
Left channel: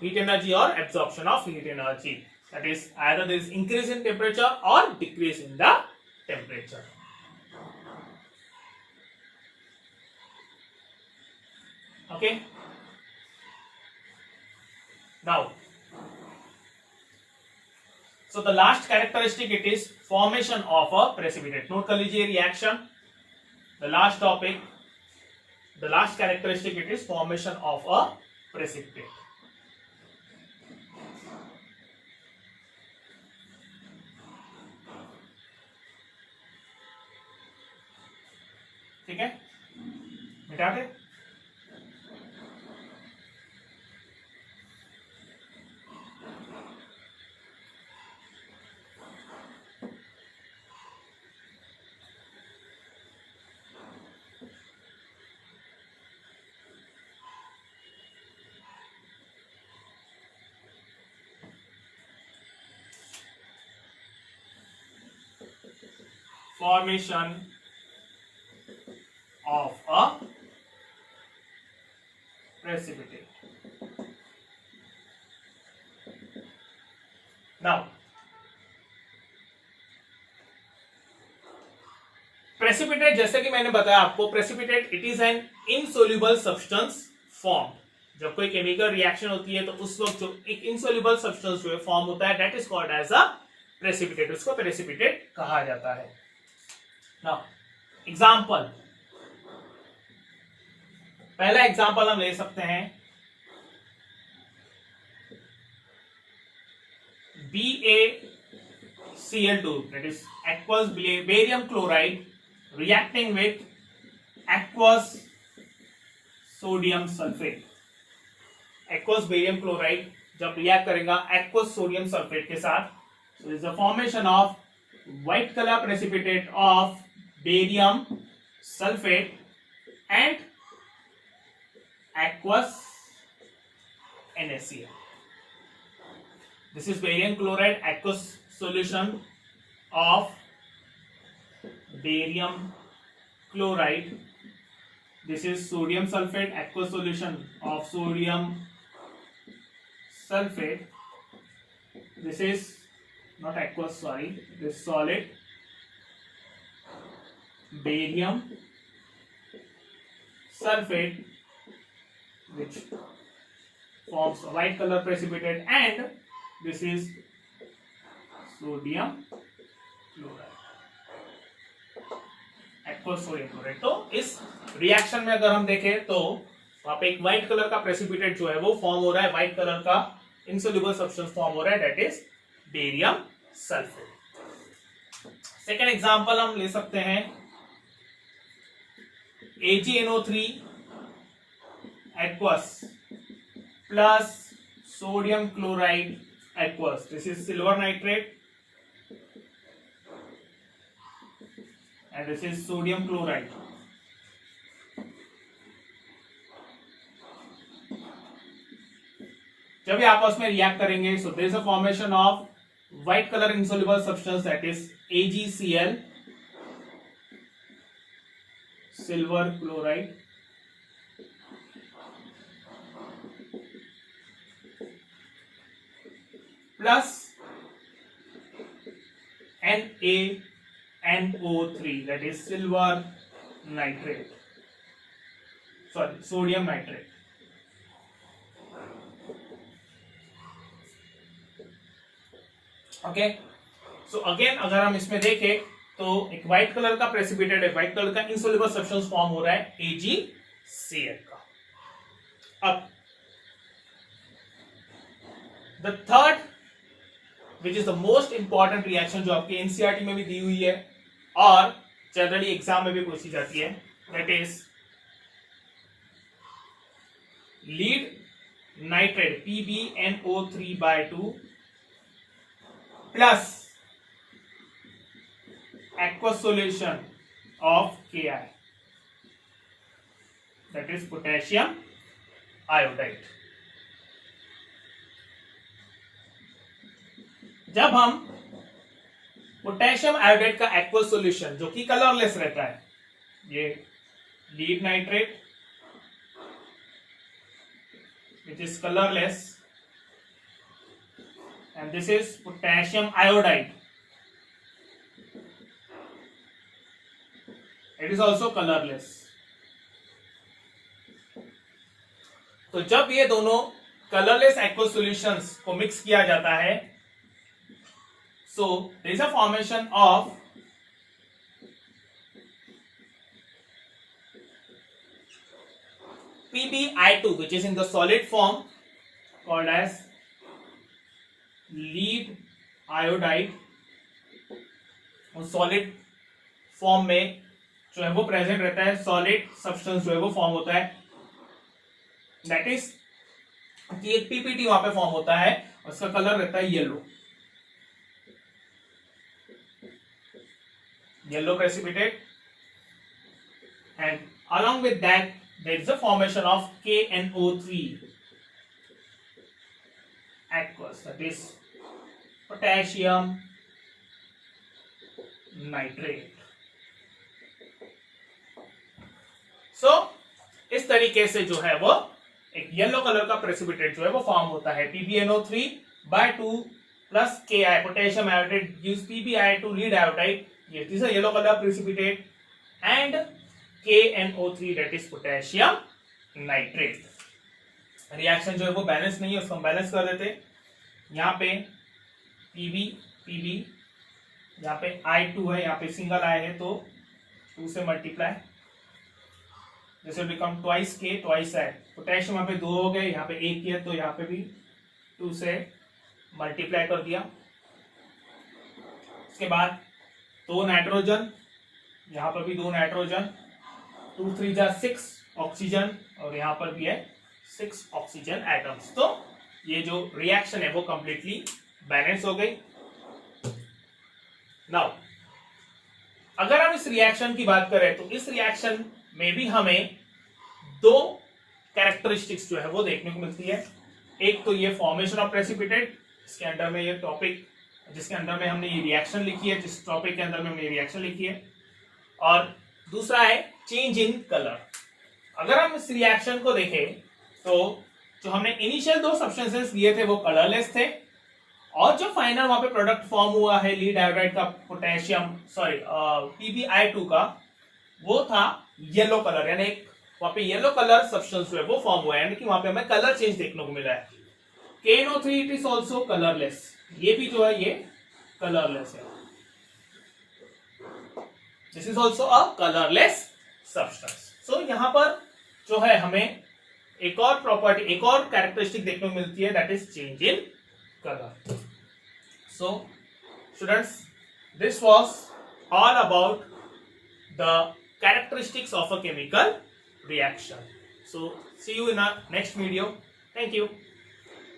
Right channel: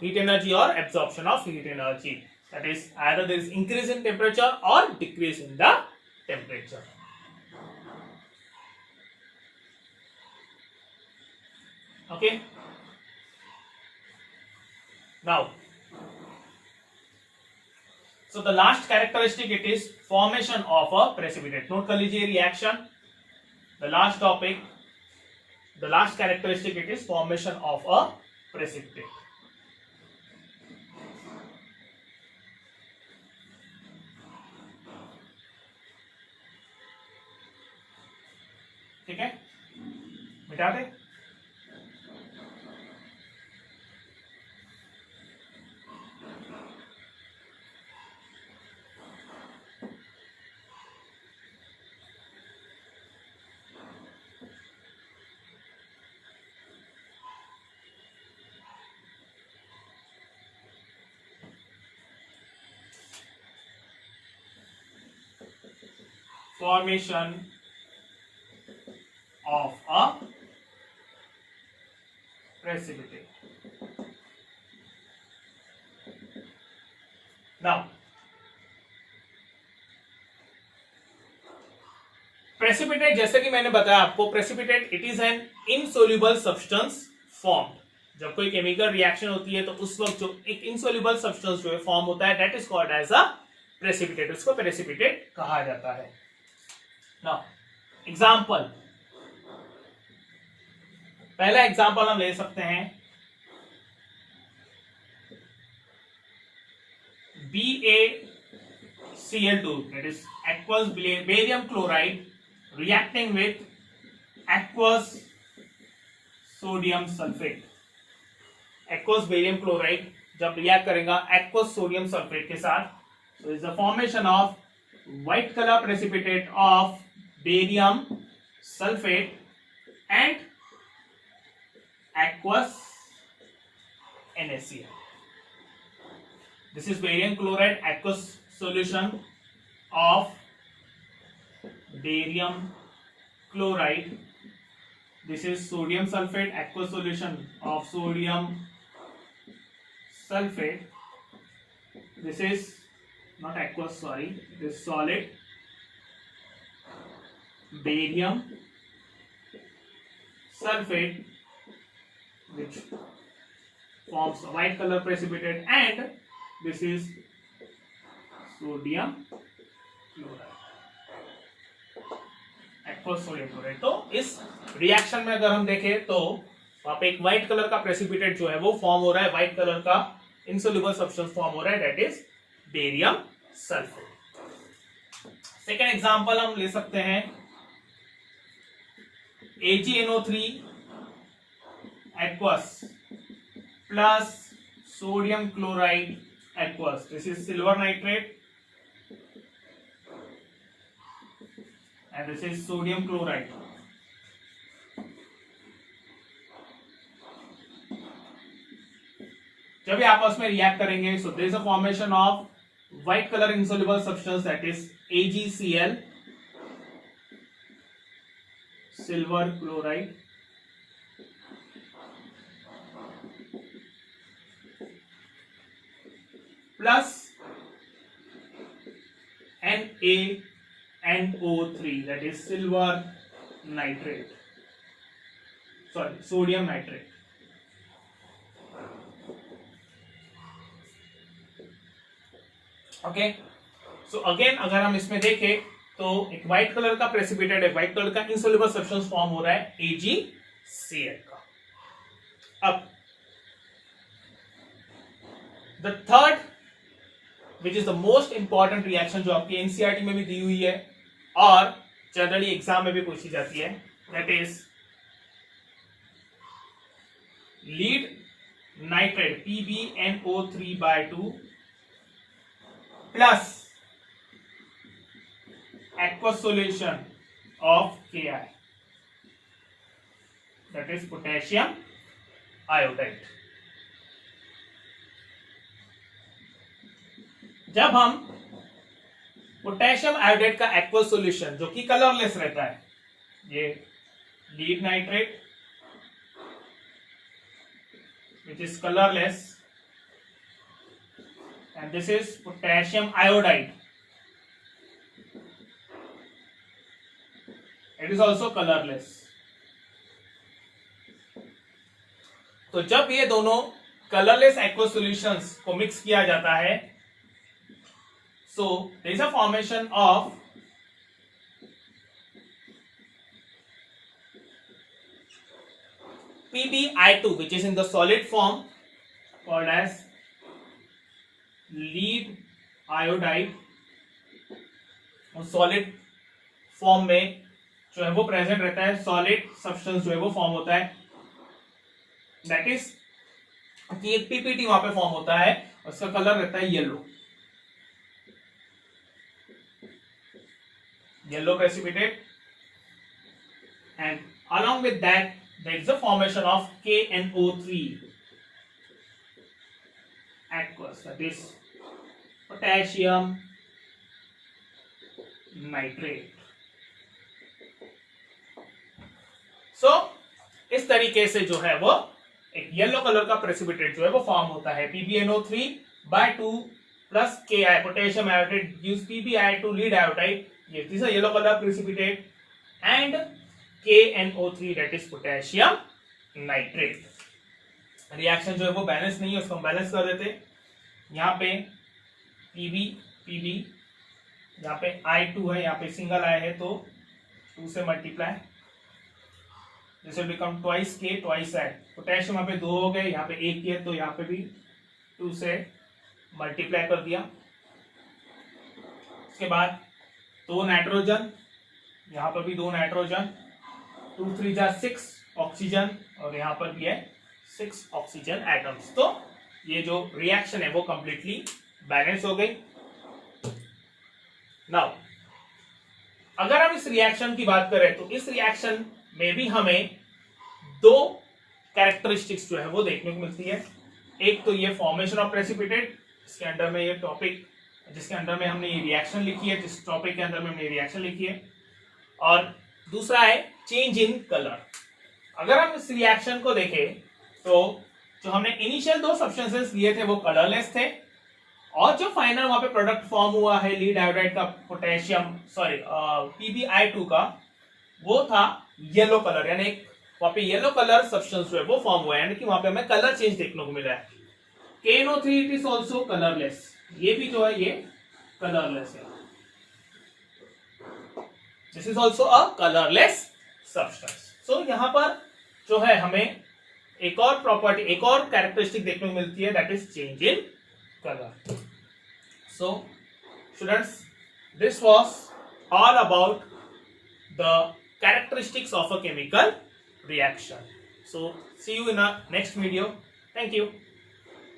heat energy or absorption of heat energy. That is, either there is increase in temperature or decrease in the temperature. Okay. Now, so the last characteristic, it is formation of a precipitate. Note कर लीजिए reaction. The last topic, the last characteristic, it is formation of a precipitate. ठीक है, मिटा दे. Formation of a precipitate. Now, precipitate जैसे कि मैंने बताया आपको, precipitate it is an insoluble substance formed. जब कोई केमिकल रिएक्शन होती है तो उस वक्त जो एक इनसोल्यूबल सब्सटेंस जो है फॉर्म होता है, that is called as a precipitate. उसको प्रेसिपिटेट कहा जाता है. नाउ एग्जांपल, पहला एग्जांपल हम ले सकते हैं BaCl2, that is aqueous barium chloride reacting with aqueous sodium sulfate. aqueous barium chloride जब रिएक्ट करेगा aqueous sodium sulfate के साथ, so is the formation of white color precipitate of barium sulfate and aqueous NaCl. This is barium chloride aqueous solution of barium chloride. This is sodium sulfate aqueous solution of sodium sulfate. This is not aqueous, sorry, this is solid barium sulfate which forms a white color precipitate, and this is sodium chloride, aqueous sodium chloride. तो इस reaction में अगर हम देखें तो वहां पे एक व्हाइट कलर का प्रेसिपिटेट जो है वो फॉर्म हो रहा है, व्हाइट कलर का इनसोल्यूबल सब्सटेंस फॉर्म हो रहा है, that is barium sulphate. Second example हम ले सकते हैं AgNO3 aqueous plus sodium chloride aqueous. This is silver nitrate and this is sodium chloride. जब ये आपस में रिएक्ट करेंगे, so there is a formation of white color insoluble substance, that is AgCl, silver chloride, plus NaNO3, that is silver nitrate, sorry, sodium nitrate. Okay, so again अगर हम इसमें देखें तो एक व्हाइट कलर का प्रेसिपिटेट, एक white colour का insoluble substance form हो रहा है AgCl का. अब the third which is the most important reaction जो आपकी एनसीईआरटी में भी दी हुई है और जनरली एग्जाम में भी पूछी जाती है, that is lead nitrate PbNO3/2 plus aqueous solution of Ki, that is potassium iodide. जब हम पोटेशियम आयोडाइड का एक्वस सॉल्यूशन जो कि कलरलेस रहता है, ये lead nitrate which is colorless, and this is potassium iodide, it is also colorless. तो जब ये दोनों कलरलेस एक्वस सॉल्यूशंस को मिक्स किया जाता है, so there is a formation of PbI2 which is in the solid form called as lead iodide. Solid form में जो है वो प्रेजेंट रहता है, सॉलिड सब्सटेंस जो है वो फॉर्म होता है, दैट इज कि एक पीपीटी वहां पे फॉर्म होता है, उसका कलर रहता है yellow, yellow precipitate, and along with that there is a formation of KNO3 aqueous, that is potassium nitrate. So इस तरीके से जो है वो एक येलो कलर का प्रेसिपिटेट जो है वो फॉर्म होता है. PbNO3 by 2 plus Ki, potassium iodide gives PbI2 lead iodide. Yes, this is a yellow color precipitate, and KNO3 that is potassium nitrate. Reaction जो है वो बैलेंस नहीं है, उसको हम बैलेंस कर देते. यहाँ पे Pb, यहाँ पे I2 है, यहाँ पे सिंगल I है, तो 2 से multiply, this will become twice K twice I. Potassium यहाँ पे 2 हो गए, यहाँ पे 1 है, तो यहाँ पे भी 2 से मल्टीप्लाई कर दिया. उसके बाद 2 नाइट्रोजन, यहाँ पर भी 2 नाइट्रोजन, 2 3 जा 6 ऑक्सीजन, और यहाँ पर भी है 6 ऑक्सीजन एटम्स. तो ये जो रिएक्शन है वो कंप्लीटली बैलेंस हो गई. नाउ अगर हम इस रिएक्शन की बात करें तो इस रिएक्शन में भी हमें 2 कैरेक्टरिस्टिक्स जो है वो देखने को मिलती है. एक तो ये फॉर्मेशन ऑफ प्रेसिपिटेट, इसके अंडर में ये टॉपिक जिसके अंदर में हमने ये रिएक्शन लिखी है, जिस टॉपिक के अंदर में हमने ये रिएक्शन लिखी है, और दूसरा है चेंज इन कलर. अगर हम इस रिएक्शन को देखें तो जो हमने इनिशियल 2 सब्सटेंसेस लिए थे वो कलरलेस थे, और जो फाइनल वहां पे प्रोडक्ट फॉर्म हुआ है लीड आयोडाइड का, पोटेशियम PbI2 का, वो था येलो कलर, यानी वहां पे येलो कलर सब्सटेंस जो है वो फॉर्म हुआ है, यानी कि वहां पे हमें कलर चेंज देखने को मिला है. KNO3 it is also colourless, ये भी जो है ये कलरलेस है. This is also a colourless substance. So यहां पर जो है हमें एक और प्रॉपर्टी, एक और कैरेक्टरिस्टिक देखने को मिलती है, that is change in colour. So students, this was all about the characteristics of a chemical reaction. So see you in our next video. Thank you.